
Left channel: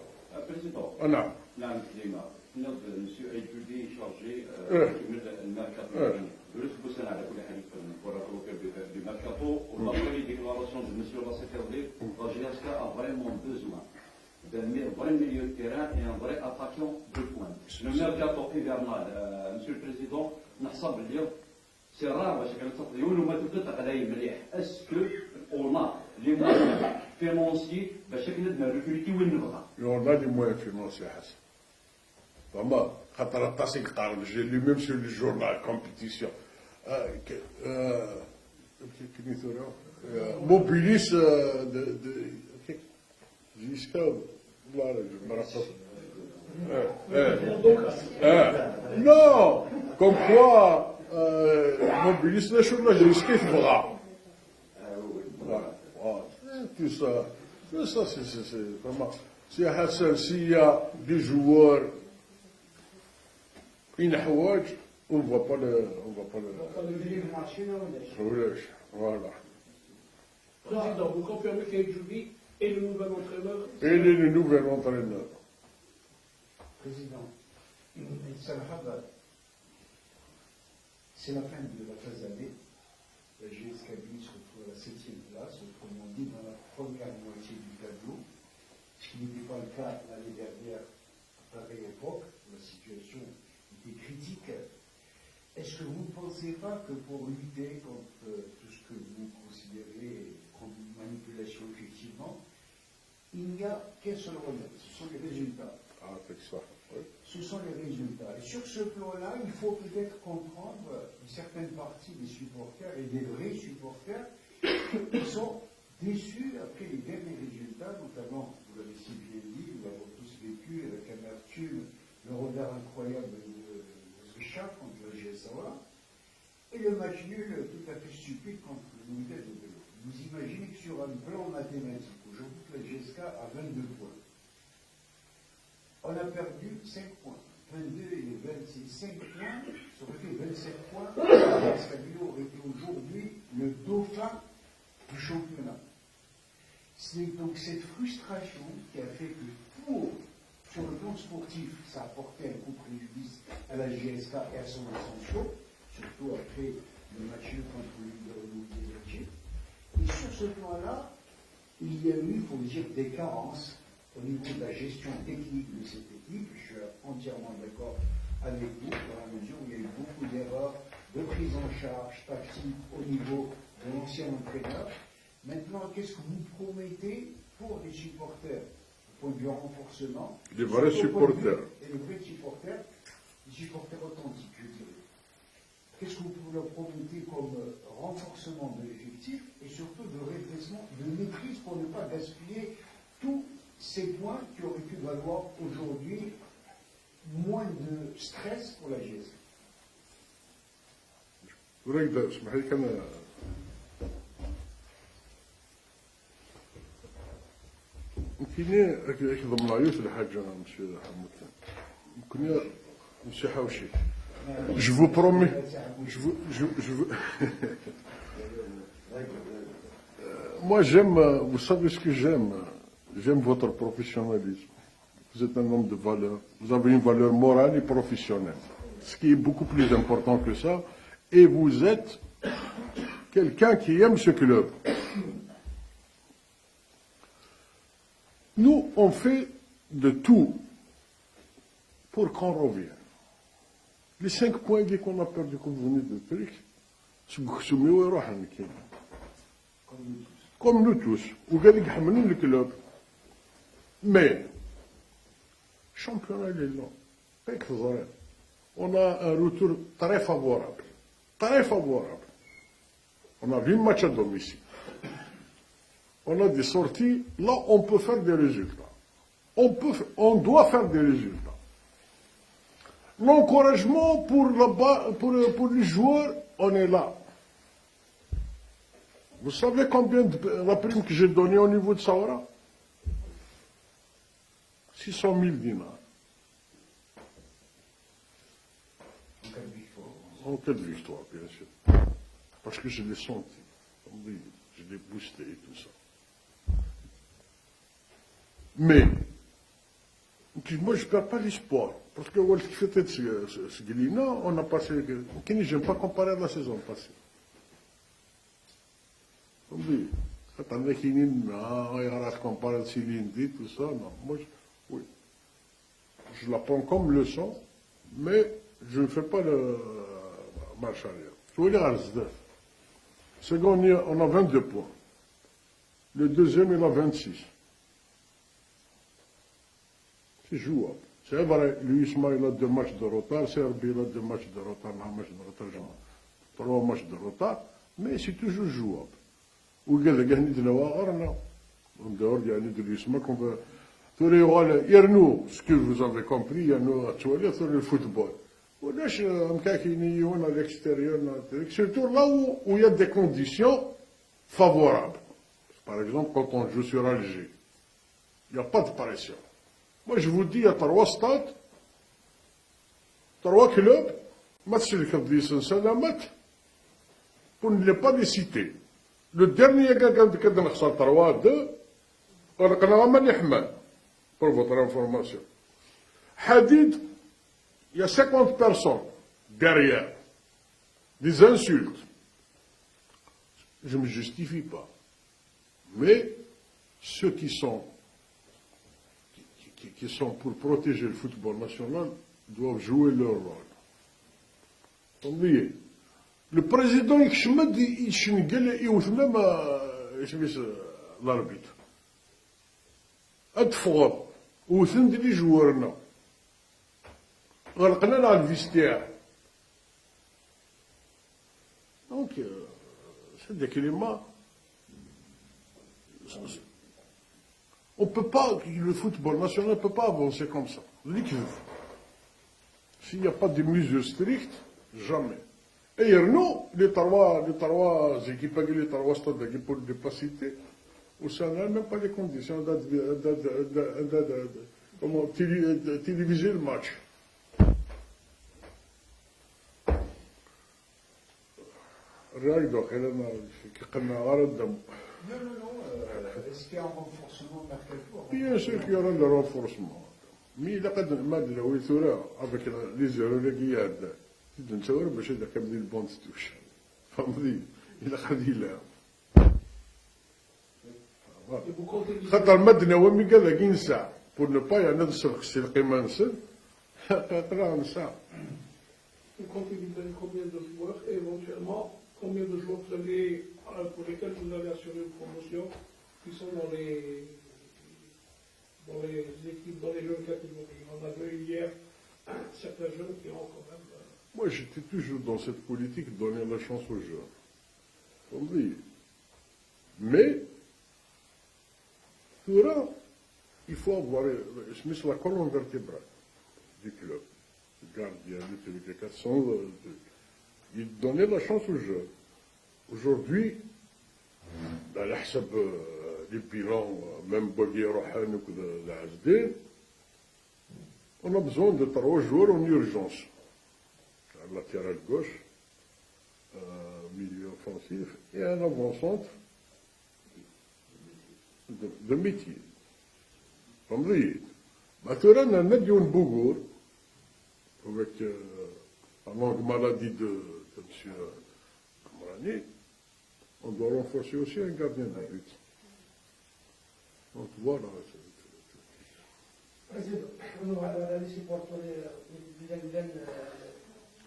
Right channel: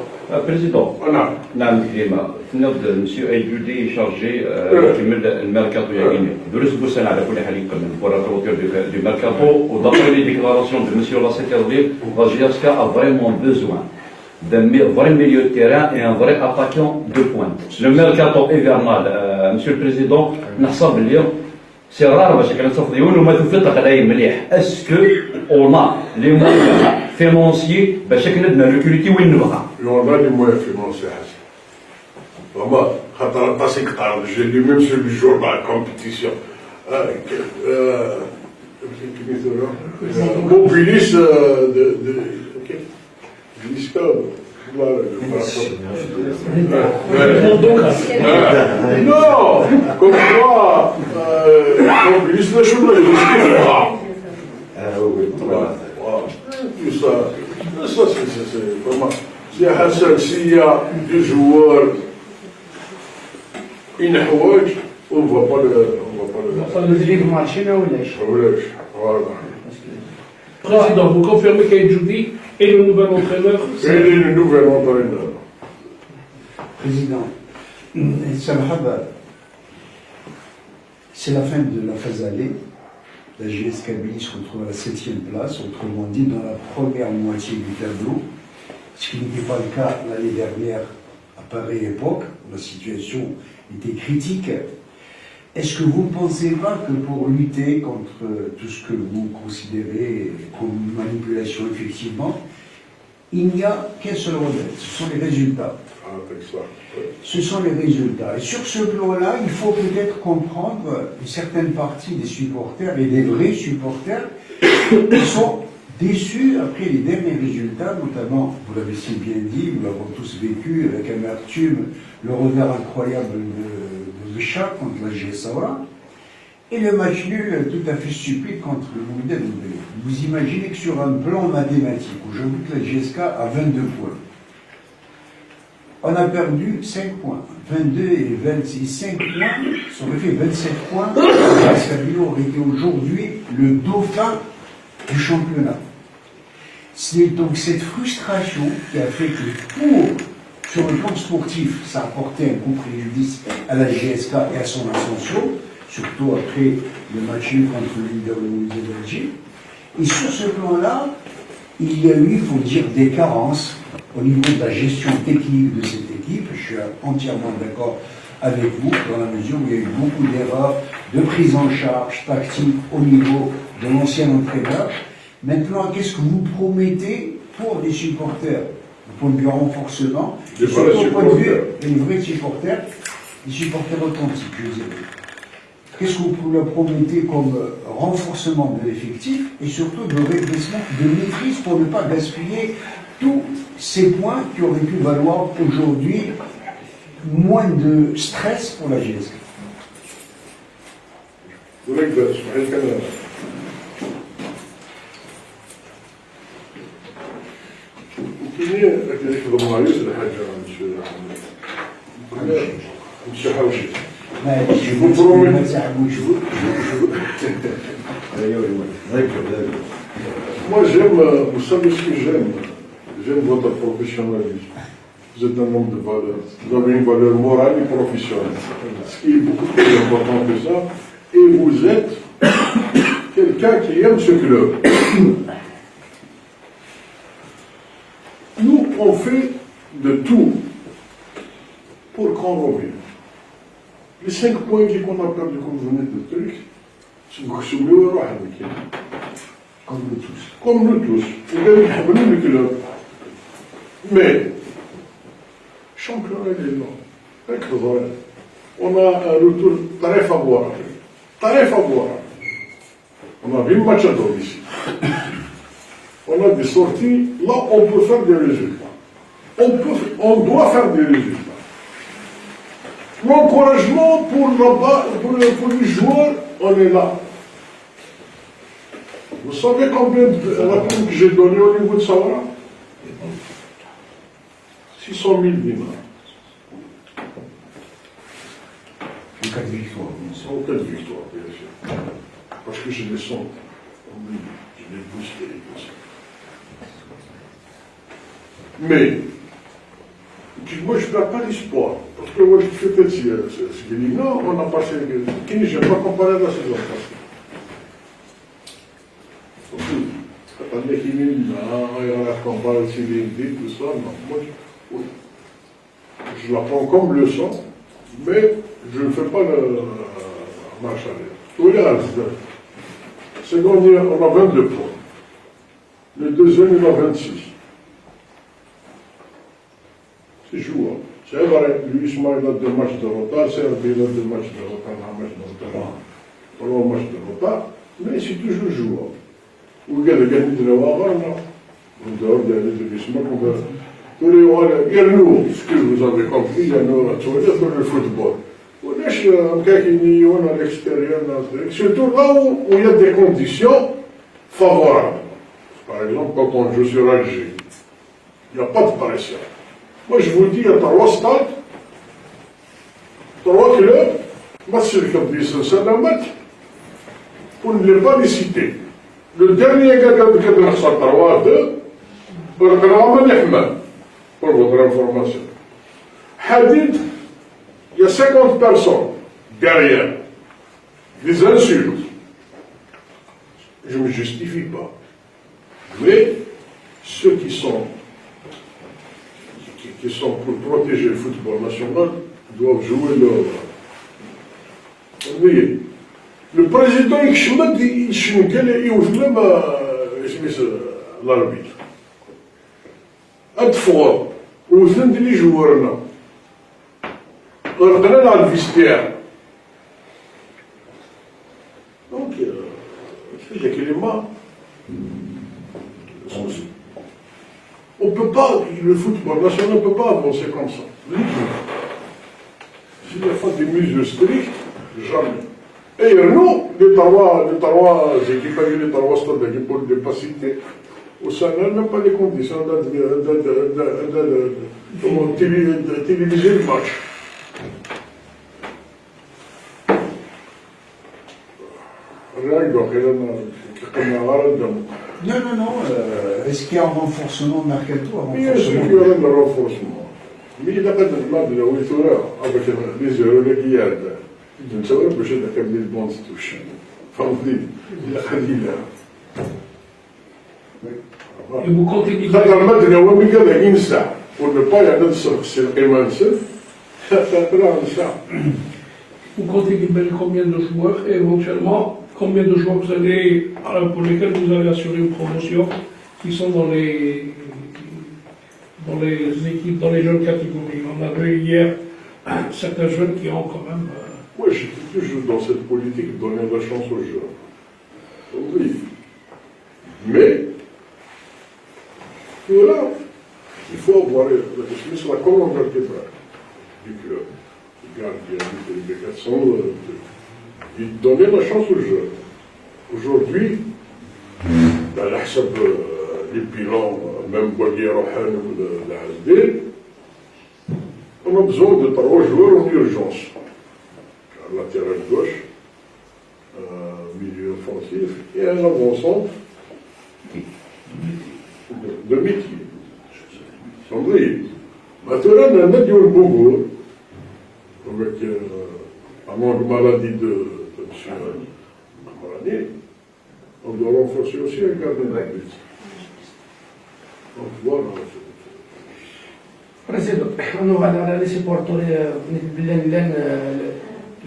Président, Voilà. Monsieur Ejoudi est chargé du mercato. Nous sommes à la pour la clôture du mercato. D'après les déclarations de M. Lassette, Vagiaska a vraiment besoin d'un vrai milieu de terrain et un vrai attaquant de pointe. Le mercato hivernal, Monsieur le Président, نحسب اليوم c'est rare باش كنتصف ديون وما تفلت قضايا مليح. Est-ce que on a les moyens financiers باش كندنا ريكروتي وين نبغى؟ Et on a les moyens financiers. Vraiment, quand on a passé que j'ai lu même sur le jour de la compétition. Mobilis de Gisca. Non, comme quoi, Mobilis de Choula, il est ça, c'est vraiment. C'est Hassan, s'il y a deux joueurs, une حوايج, on ne va pas le. Voilà. Président, vous confirmez qu'Aïdjoudi est le nouvel entraîneur? Et le nouvel entraîneur. Président, c'est la fin de la phase allée. La GS Kabylie se retrouve à la 7e place, autrement dit dans la première moitié du tableau, ce qui n'était pas le cas l'année dernière à pareille époque, où la situation était critique. Est-ce que vous ne pensez pas que pour lutter contre tout ce que vous considérez comme manipulation effectivement, il n'y a qu'un seul remède, ce sont les résultats. Ce sont les résultats. Et sur ce plan-là, il faut peut-être comprendre une certaine partie des supporters et des vrais supporters qui sont déçus après les derniers résultats, notamment, vous l'avez si bien dit, nous l'avons tous vécu avec amertume, le revers incroyable de Béchar contre la GS Saoura, et le match nul tout à fait stupide contre le Mouida Doubé. Vous imaginez que sur un plan mathématique, aujourd'hui que la GSK a 22 points, on a perdu 5 points. 22 et 26, 5 points, ça aurait fait 27 points. La Kabylie aurait été aujourd'hui le dauphin du championnat. C'est donc cette frustration qui a fait que sur le plan sportif, ça a apporté un coup préjudice à la GSK et à son ascension, surtout après le match contre le leader de Belgique. Et sur ce plan-là, il y a eu, il faut dire, des carences au niveau de la gestion technique de cette équipe. Je suis entièrement d'accord avec vous, dans la mesure où il y a eu beaucoup d'erreurs de prise en charge tactique au niveau de l'ancien entraîneur. Maintenant, qu'est-ce que vous promettez pour les supporters, au point de vue renforcement, et surtout au point de vue des vrais supporters, les supporters authentiques, je vous ai dit. Qu'est-ce que vous leur promettez comme renforcement de l'effectif et surtout de régressement, de maîtrise pour ne pas gaspiller tous ces points qui auraient pu valoir aujourd'hui moins de stress pour la GSK? Je vous promets. Moi j'aime, vous savez ce que j'aime? J'aime votre professionnalisme. Vous êtes un homme de valeur. Vous avez une valeur morale et professionnelle. Ce qui est beaucoup plus important que ça. Et vous êtes quelqu'un qui aime ce club. Nous, on fait de tout pour qu'on revienne. Les 5 points qu'on a perdu, comme vous venez de dire, c'est Comme nous tous. comme nous tous. Vous avez le club. Mais, championnat est énorme. On a un retour très favorable. Très favorable. On a 20 matchs à domicile. On a des sorties. Là, on peut faire des résultats. On doit faire des résultats. L'encouragement pour les joueurs, on est là. Vous savez combien de rapports que j'ai donné au niveau de Saoura? 600 000 dinars. En cas de victoire, bien sûr. En cas de victoire, bien sûr. Parce que je les sens. Je les boosté. Mais, moi je ne perds pas l'espoir. Parce que moi je fais peut-être ce qu'il dit. Non, on a passé. Je ne vais pas comparer la saison passée. attendez qu'il y ait la campagne civique, tout ça, non. Moi, je la prends comme leçon, mais je ne fais pas la marche arrière. Tous les résultats. Second, on a 22 points. Le deuxième, il a 26. C'est jouable. C'est vrai, lui, Ismaël a 2 matchs de retard, Serbi a 2 matchs de retard, un match de retard, 3 matchs de retard, mais c'est toujours jouable. Vous regardez gagner de la Wavara, non? On doit gagner de l'Ismaël, on va. Tous les rois, il y a nous, ce que vous avez compris, il y a nous, tu vois, sur le football. On est à l'extérieur, surtout là où il y a des conditions favorables. Par exemple, quand on joue sur Alger, il n'y a pas de pression. Moi, je vous le dis, il y a 3 stades, 3 clubs, match c'est un match, pour ne pas les citer. Le dernier gars qui a fait 3-2, pour votre information. Hadid, il y a 50 personnes derrière, des insultes. Je ne me justifie pas. Mais ceux qui sont pour protéger le football national doivent jouer leur rôle. Vous voyez, le président, il l'arbitre. Une fois, où vous êtes les joueurs là, on est dans le vestiaire. Donc, c'est des cléments. On ne peut pas, le football national ne peut pas avancer comme ça. S'il n'y a pas des mesures strictes, jamais. Et nous, les trois équipes, les 3 stades pour ne pas citer, au Sénat, même pas les conditions de téléviser le match. Non. Est-ce qu'il y a un renforcement de mercato? Bien sûr qu'il y aura un renforcement. Mais il n'y a pas de mal de la hauteur avec les Euroléguiades. Je ne sais pas si je vais faire des bons touches. Fandli, il a dit là. Et vous comptez libérer, pour ne pas y aller sur le vous comptez libérer combien de joueurs et éventuellement combien de joueurs vous allez, pour lesquels vous allez assurer une promotion qui sont dans les équipes, dans les jeunes catégories. On a vu hier certains jeunes qui ont quand même. Moi, je suis toujours dans cette politique de donner la chance aux joueurs. Oui. Mais, là, il faut avoir la commande vertébrale du club, du gardien, du délégation, de donner la chance aux joueurs. Aujourd'hui, dans les bilans, même Bogué Rohan ou de Hasdé, on a besoin de 3 joueurs en urgence. Un latéral gauche, un milieu offensif et un avant-centre de métier. Maintenant, on a dit un Bogo, avec un manque maladie de M. Marani, on doit renforcer aussi un gardien de but. Donc voilà. Président, on a les supporters,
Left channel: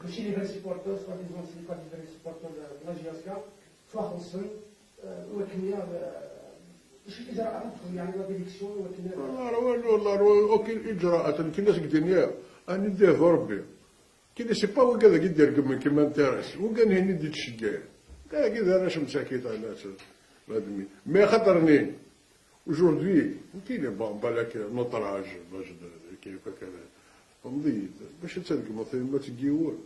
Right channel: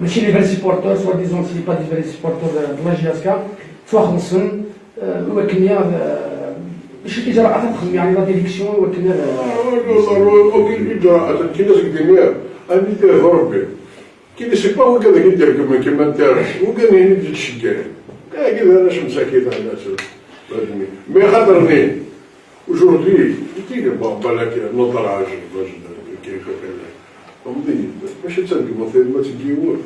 ماشي لي فالي سيبورتور سوا ديزون سي با دي فالي سيبورتور دو لا جي اس كا تواخلصن وكنيا شي اجراءات تخدم يعني لا ديريكسيون وكنيا اوكي اجراءات كي ناس كدير اني دير ربي كي سي با هو كذا كيدير كما انت وكان يدير الشكايه كذا انا شمس كذا على مي خاطرني aujourd'hui يدير بالك نطلع كيف كذا ماشي تنقبض في ما تجيور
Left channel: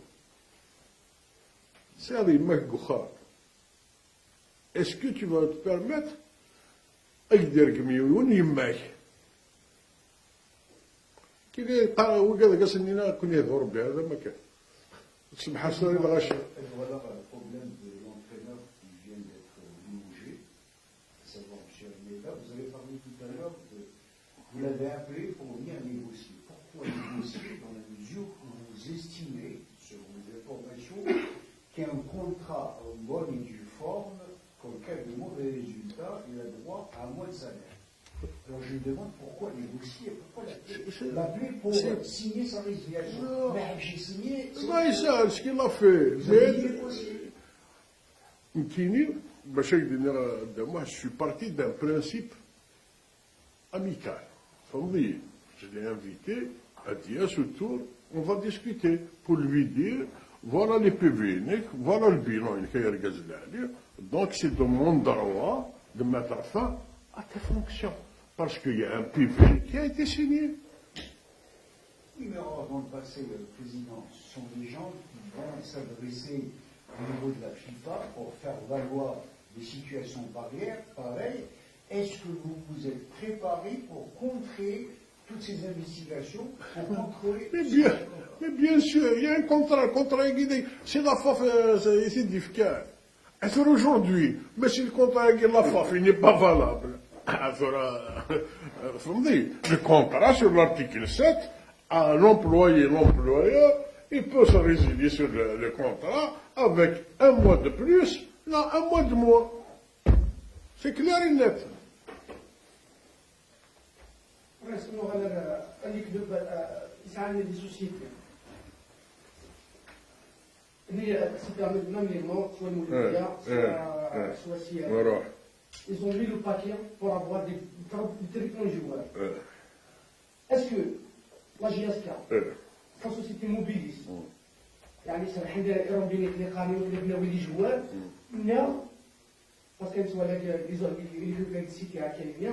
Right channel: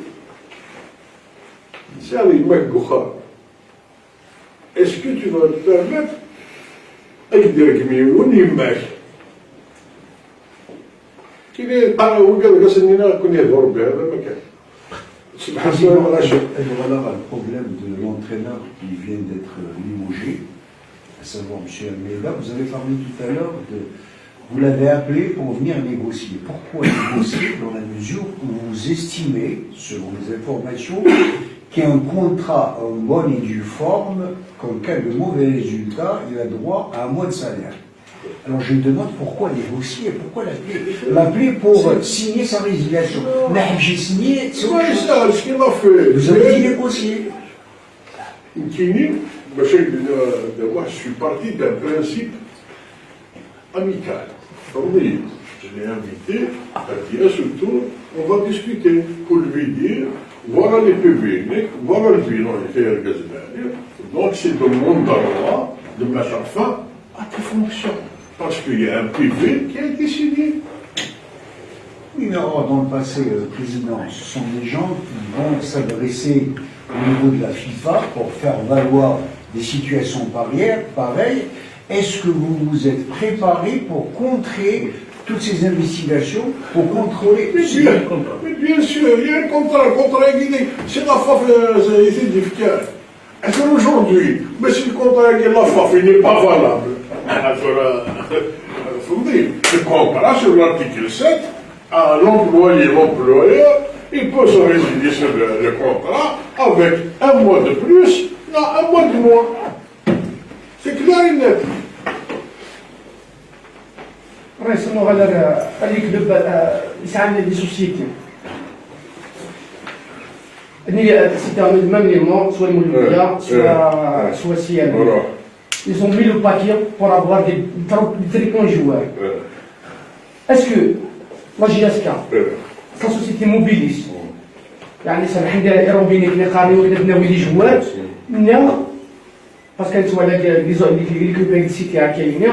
سالي ماك وخا اسكو tu vas te permettre اقدر كميون يماك كي طلع وقال قصنينا كنا يدور بهذا ما كان سبحان الله Voilà le problème de l'entraîneur qui vient d'être limogé, à savoir M. Almeida. Vous avez parlé tout à l'heure de. Vous l'avez appelé pour venir négocier. Pourquoi négocier? Dans la mesure où vous estimez, selon les informations, qui a un contrat en bonne et due forme, qu'en cas de mauvais résultat, il a droit à un mois de salaire. Alors je me demande pourquoi négocier, pourquoi l'appeler pour signer sa résiliation. Mais j'ai signé, c'est autre Ouais, chose. ça, ce qu'il a fait. Vous avez dit négocier. Kini, moi je suis parti d'un principe amical. Oui, je l'ai invité à dire surtout, on va discuter pour lui dire, voilà les PV, voilà le bilan, il fait un gazette. Donc c'est de mon droit de mettre fin à tes fonctions. Parce qu'il y a un PV qui a été signé. Oui, mais alors, dans le passé, Président, ce sont des gens qui vont s'adresser au niveau de la FIFA pour faire valoir des situations pareilles. Est-ce que vous vous êtes préparé pour contrer toutes ces investigations, pour contrôler Mais bien sûr, il y a un contrat guidé. C'est la FAF, c'est difficile. Est-ce qu'aujourd'hui, mais si le contrat avec la FAF n'est pas valable, il faut me dire, le contrat sur l'article 7, à l'employé, l'employeur, il peut se résilier sur le contrat avec un mois de plus, un mois de moins. C'est clair et net. رئيس النغال اللي يكذب يسعى لي سوسيتي c'était même élément, soit immobilier, soit CIB. Ils ont mis le paquet pour avoir des très bons joueurs. Est-ce que la GSK, sa société mobilise, يعني سامح ندير ايروبيني اللي قارني ولا بناوي لي جوار لا باسكو انتوا على لي كوبيتيسيتي كاينين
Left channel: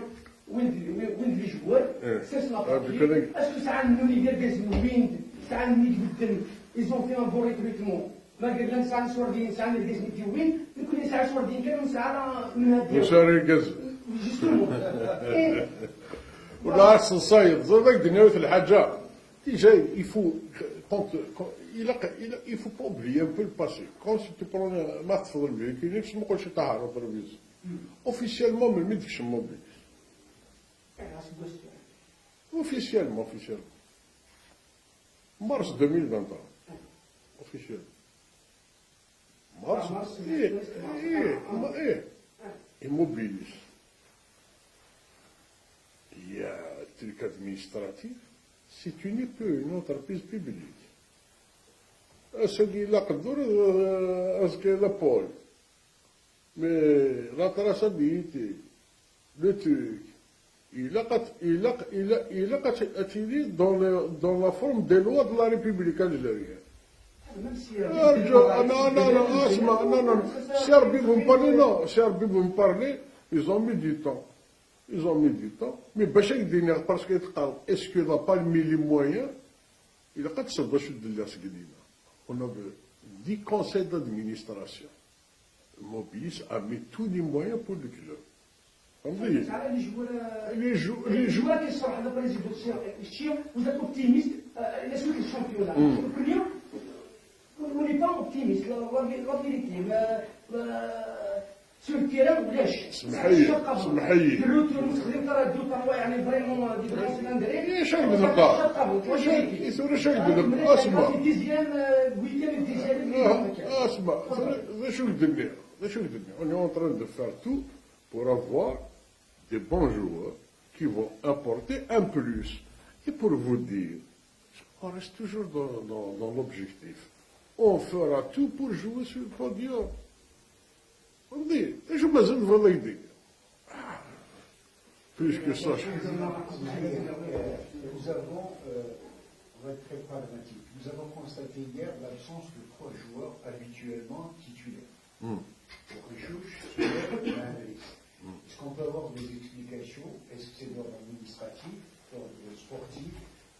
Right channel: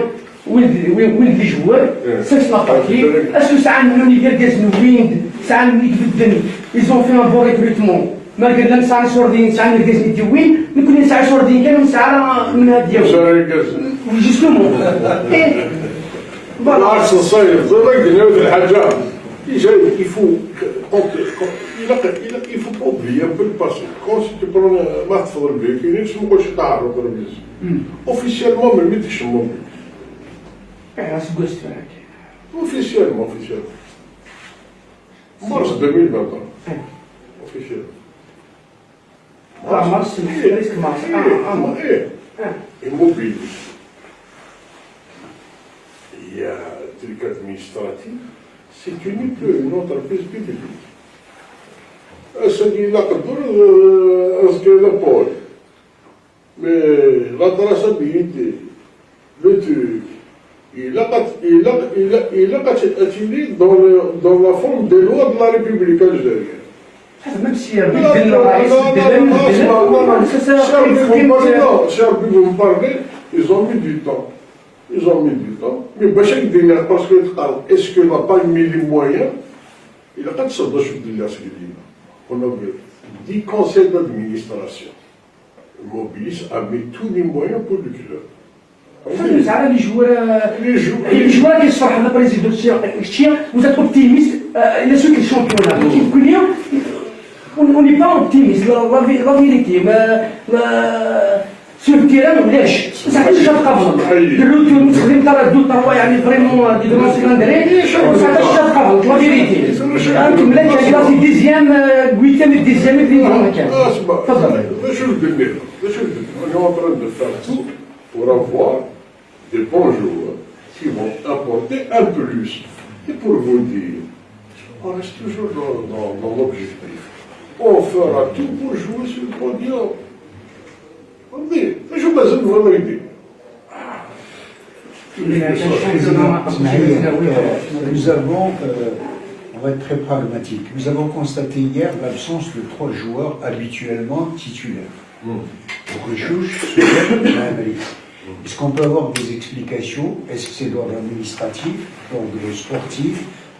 وين لي جوار سيس لا باكي اسكو ساعه منهم يدير كازنو ويند ساعه منهم يكذب ils ont fait un bon recrutement ما قال لهم ساعه شوردين ساعه من كازنو ديوين نكون ساعه شوردين كانوا ساعه من هاد جوستومون بالعكس الصيف صدق نعود الحاجات il faut pas oublier un peu le passé. Quand tu prends ما تفضل بيه كاينين شنو نقولش تعرف ولا بيزي. Officiellement ما ميتش الموبيل. Officiellement. Mars 2021. Officiellement. مارس ريسك مارس Immobile. Il y a un truc administratif. C'est unique une entreprise publique. C'est la culture, le pôle. Mais la traçabilité, le truc, il a attiré dans la forme des lois de la République algérienne. même si vous me parlez, ils ont mis du temps. Mais Bachek Diner, parce que est-ce qu'il n'a pas mis les moyens? Il n'a pas de sorte de on a 10 conseils d'administration. Mobilis a mis tous les moyens pour le club. فهمت على لي جوار اللي صراحه لا بريزيدون شتي وزات اوبتيميست الى سوق الشامبيونات كل يوم on n'est pas optimiste la vérité sur le terrain علاش صح الشاب قبل دروت المستخدم تاع الدو تاع يعني فريمون دي دومون سكندري صح الشاب قبل لا فيريتي انتم لا كاين في ديزيام ويتام ديزيام اللي ما كان تفضل on est en train de faire tout pour avoir des bons joueurs qui vont apporter un plus. Et pour vous dire, on reste toujours dans l'objectif. On fera tout pour jouer sur le podium. On dit, je vous besoin de votre idée. Nous avons, on va être très pragmatique, nous avons constaté hier l'absence de 3 joueurs habituellement titulaires. Donc le juge est-ce qu'on peut avoir des explications? Est-ce que c'est d'ordre administratif, d'ordre sportif,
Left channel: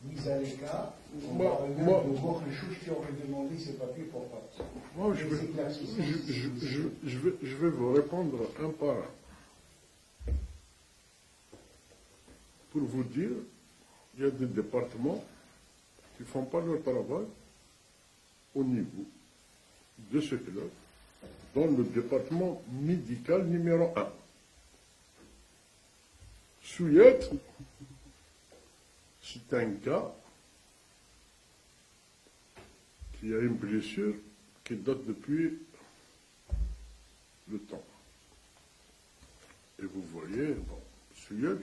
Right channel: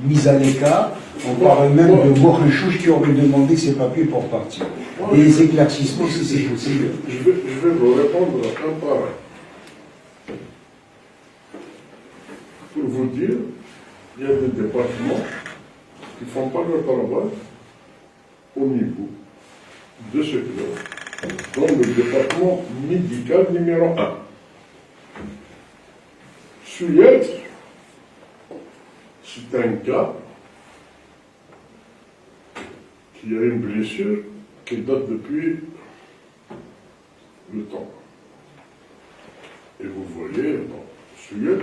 mise à l'écart? On parle même de Mokhechouch qui aurait demandé ses papiers pour partir. Des éclaircissements si c'est possible. Je vais vous répondre un par un. Pour vous dire, il y a des départements qui ne font pas leur travail au niveau de ce club, dans le département médical numéro 1. Celui-là, c'est un gars qui a une blessure qui date depuis le temps. Et vous voyez, bon, celui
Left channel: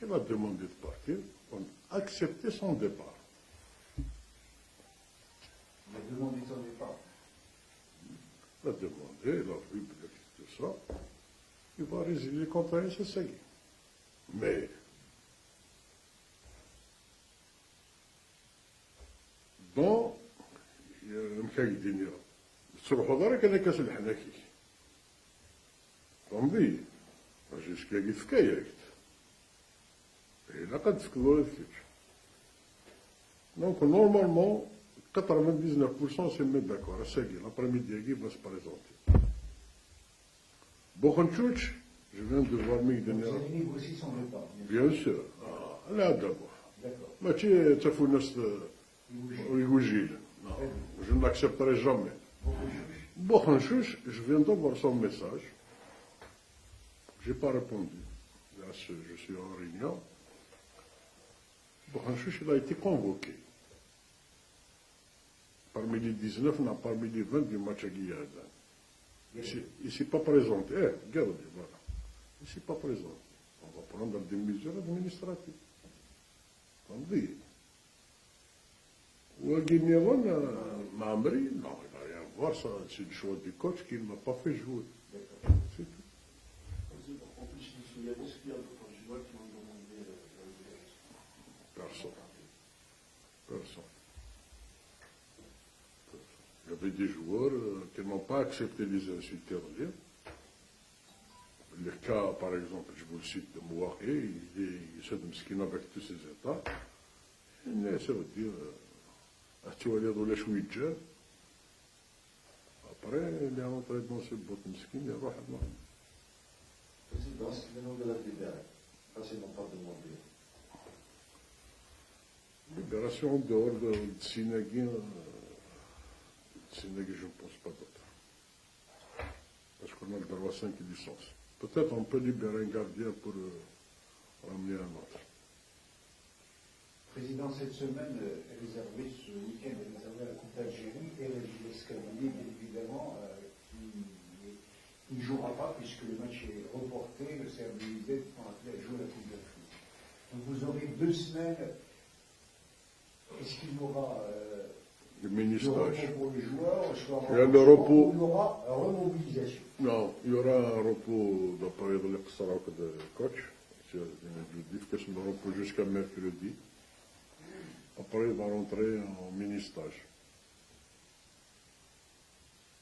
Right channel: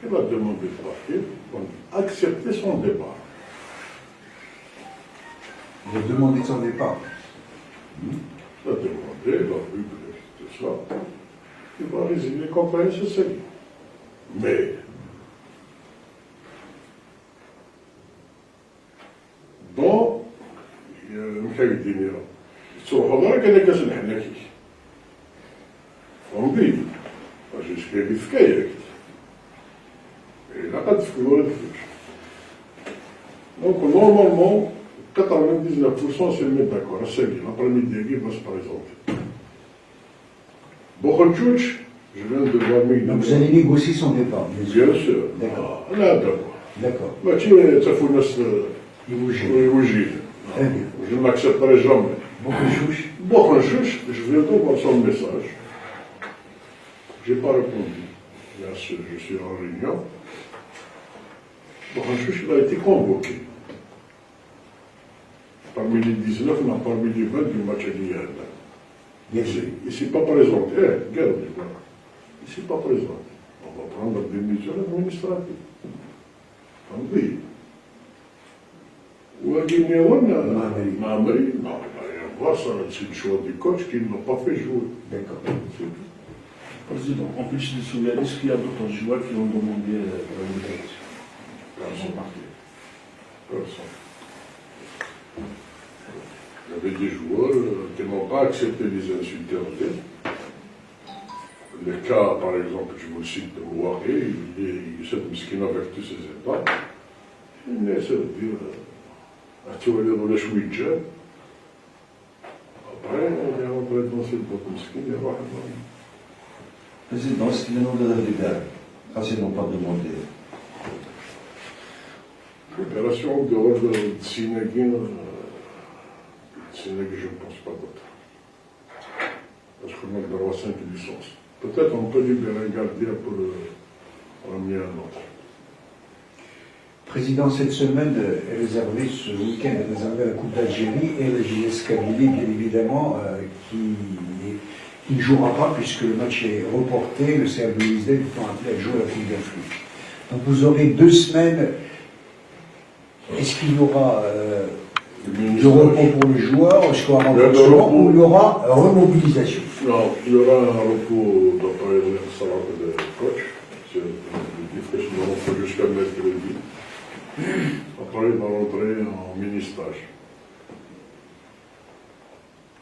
qui va demander de partir, va accepter son départ. Il a demandé son départ. Il va demander, il va vu que tout ça, il va résilier contre un SSI. Mais, dans المحايدين تروحوا دارك انا كاس الحناكي فهمتي واش كاين فكايه الا قد تفكروا هذا دونك نورمالمون 99% سي ميت داكور سي بيان l'après-midi qui va se présenter Bokhanchouch, je viens de voir Donc vous allez négocier son départ, bien sûr. bien sûr D'accord. لا دابا D'accord. ماشي تعرفوا الناس Il vous gêne. يوجيه Très bien. Je ne l'accepterai jamais. Bokhanchouch, Bon, je viens de voir son message. Je n'ai pas répondu. Là, je suis en réunion. Bon, il a été convoqué. Parmi les 19, on a parmi les 20 du match d'hier. bien sûr. Il ne s'est pas présenté. Regarde, voilà. Il ne s'est pas présenté. On va prendre des mesures administratives. Oui. Ou à Guinée, Mamari, non, voir ça, c'est le choix du coach qui ne l'a pas fait jouer. D'accord. Président, en plus de Souleymane, est-ce qu'il y a d'autres joueurs qui ont demandé la libération? Personne. Personne. Il y avait des joueurs qui n'ont pas accepté les insultes. Le cas, par exemple, je vous cite de Mouaré, il s'est miskin avec tous ses états. Il essaie de dire, tu vas aller dans les chouïdjets. Après, on est rentré dans cette boîte miskin, et voilà. Président, est-ce qu'il y a un ordre de libérer? Ils n'ont pas demandé. Libération de l'ordre de Sénéguin, je ne pense pas d'autre. Parce qu'on a le droit à 5 licences. Peut-être on peut libérer un gardien pour ramener un autre. Président, cette semaine est réservée, ce week-end est réservé à la Coupe d'Algérie et la JS Kabylie, bien évidemment, qui ne jouera pas puisque le match est reporté, le CR Belouizdad étant appelé à jouer à la Coupe d'Afrique. Donc vous aurez 2 semaines. Est-ce qu'il y aura de repos pour les joueurs, est-ce qu'il y aura un renforcement ou il y aura remobilisation? Non, il y aura un repos d'après le salaire de coach. C'est difficilement, on fait jusqu'à mercredi. Après, il va rentrer en mini-stage.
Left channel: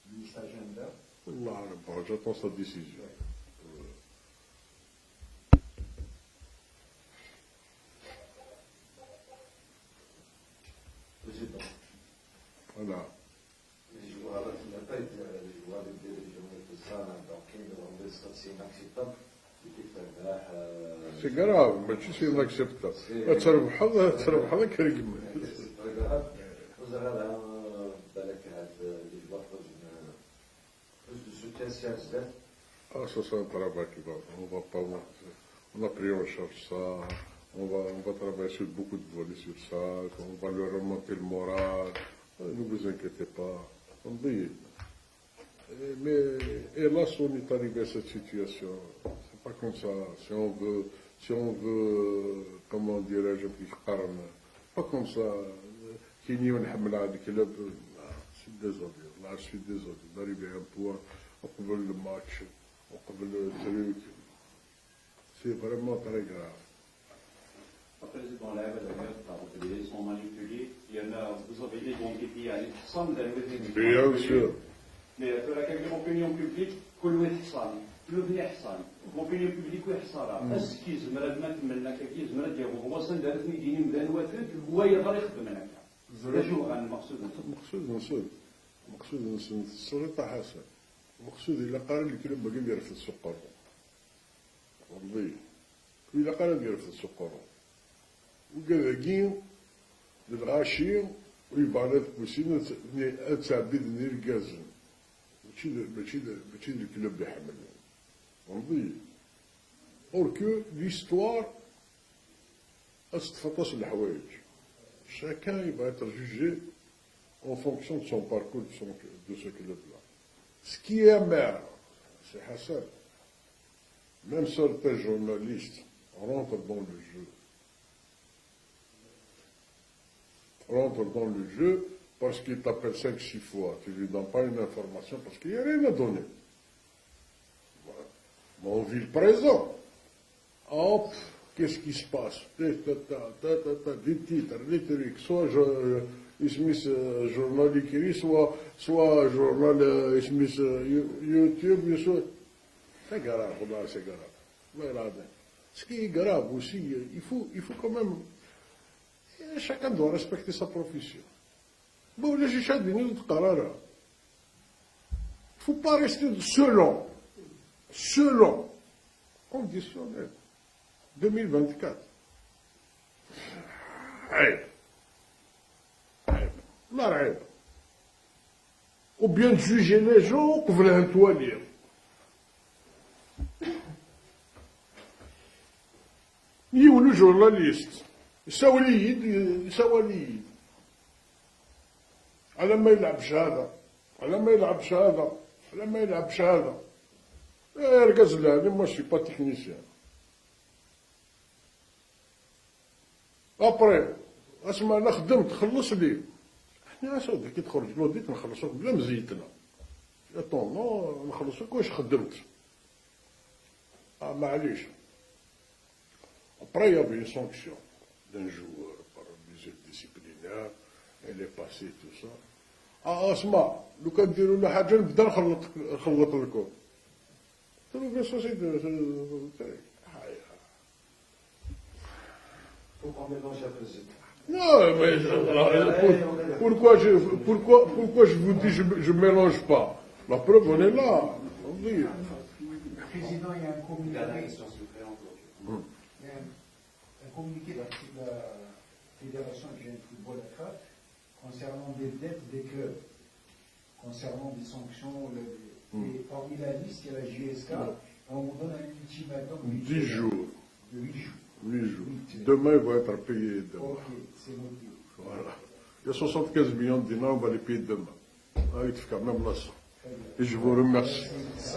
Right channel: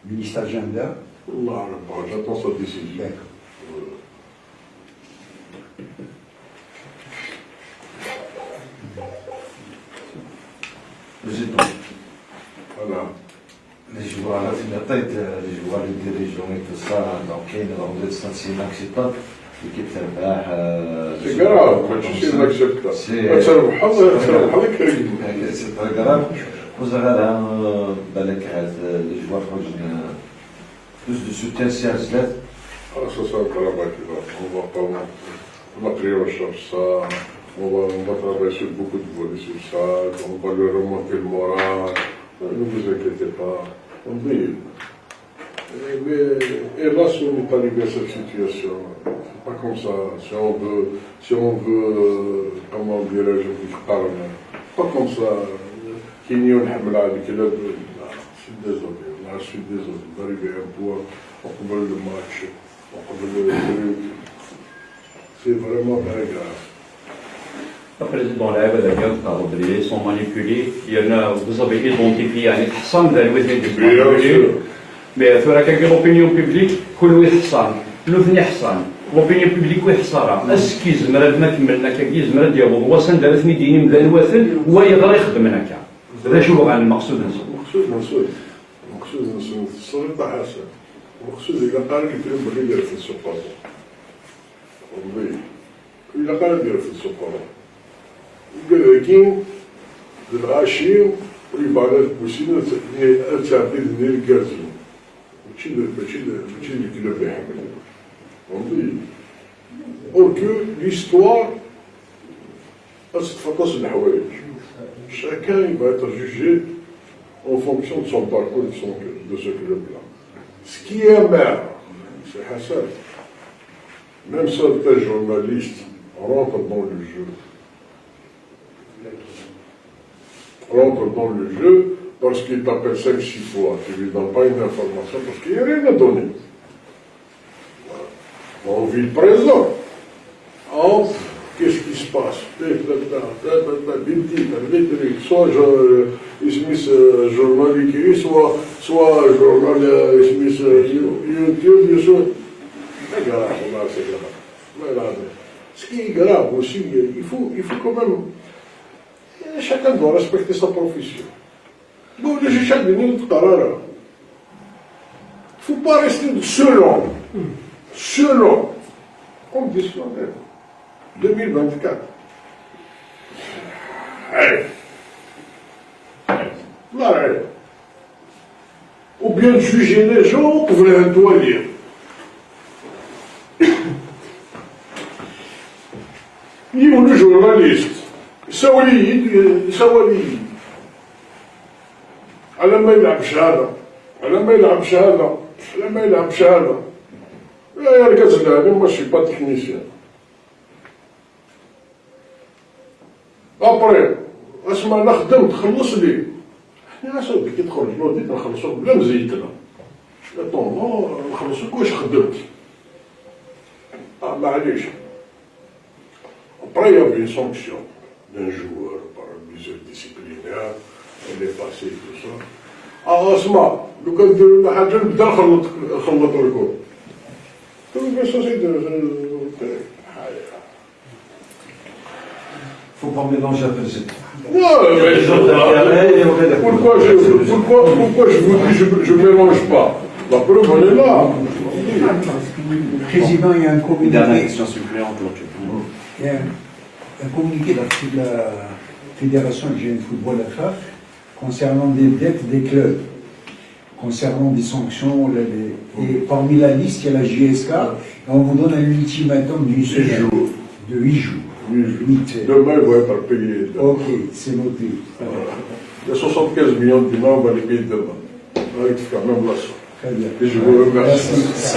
Ministère agenda. Allah, j'attends sa décision. D'accord. Président, Voilà. les joueurs, à la tête, les joueurs, les dirigeants et tout ça, donc il y a une sensation acceptable. L'équipe تربح. C'est grave, quand tu sais l'acceptable. C'est pas grave. Vous avez بالك عاد les joueurs خرجنا plus de soutien CR7. Ah, ça, c'est un travail qui va. On va prier en charge ça. On va travailler sur beaucoup de volets sur ça. On va lui remonter le moral. Ne vous inquiétez pas. On dit. Mais hélas, on n'est pas arrivé à cette situation. C'est pas comme ça. Si on veut, comment dirais-je, pas comme ça. Qui n'y a pas de je suis désolé. Là, je suis désolé. D'arriver à un point, on peut le match, on peut le truc. C'est vraiment très grave. Le président لعب الأجيال تاع Rodriguez sont manipulés. Il y en a, vous avez identifié يعني حصان ذا الوثني ديال mais فرا كاين l'opinion publique كل حصان لوثني حصان l'opinion publique وحصارة اسكي زمرا ما كملنا كاكي زمرا ديالو هو سند رثني ديني مذا الوثن هو يقدر يخدم هناك هذا شو عن المقصود مقصود السلطة حسن مقصود إذا قال يدير بغي يدير في السوق والله إذا قال يدير في السوق كاين الغاشي والعبادات بوسيلة تعديل ديال الكازين ماشي الكلاب يحمل والله اور كو ليستوار تتفطس الحوايج chacun il va être jugé en fonction de son parcours, de ce club-là. Ce qui est amer, c'est Hassan. Même certains journalistes rentrent dans le jeu. Rentrent dans le jeu parce qu'ils t'appellent 5-6 fois, tu ne lui donnes pas une information parce qu'il n'y a rien à donner. On vit le présent. Entre, qu'est-ce qui se passe? Soit journal écrit, soit journal YouTube, c'est grave, c'est grave. Ce qui est grave aussi, il faut quand même. Chacun doit respecter sa profession. Bon, les échelles de Nîmes, il ne faut pas rester selon, conditionnel, 2024. Allez. Ou bien juger les gens, vous pouvez un doigt lire. Ni le journaliste. سواليد على ما يلعبش هذا على ما يلعبش هذا على ما يلعبش هذا يا رجال انا ماشي با تكنيسيان ابري اسمع انا خدمت خلص لي احنا صافي كي تدخل البلوديت نخلصوك بلا مزيتنا لا طون نخلصوك واش خدمت معليش ابري يا بي سونكسيون d'un joueur par mesure disciplinaire, elle est passée, tout ça. اسمع لو كان ديروا لنا حاجه نبدا نخلط لكم. Mais ça c'est Faut pas mélanger après c'est. Pourquoi je vous dis je ne mélange pas? La preuve elle est là. Président, il y a un communiqué. Dernière question suppléante. Il y a un communiqué de la Fédération algérienne de football FAF concernant des dettes des clubs, concernant des sanctions. Et parmi la liste, il y a la JSK. Et on vous donne un ultimatum d'une semaine. De 8 jours. 8. Demain, il va être payé. Ok, c'est noté. Il y a 75 millions de dinars, on va les payer demain. Avec quand même la somme. Très bien. Et je vous remercie. Merci.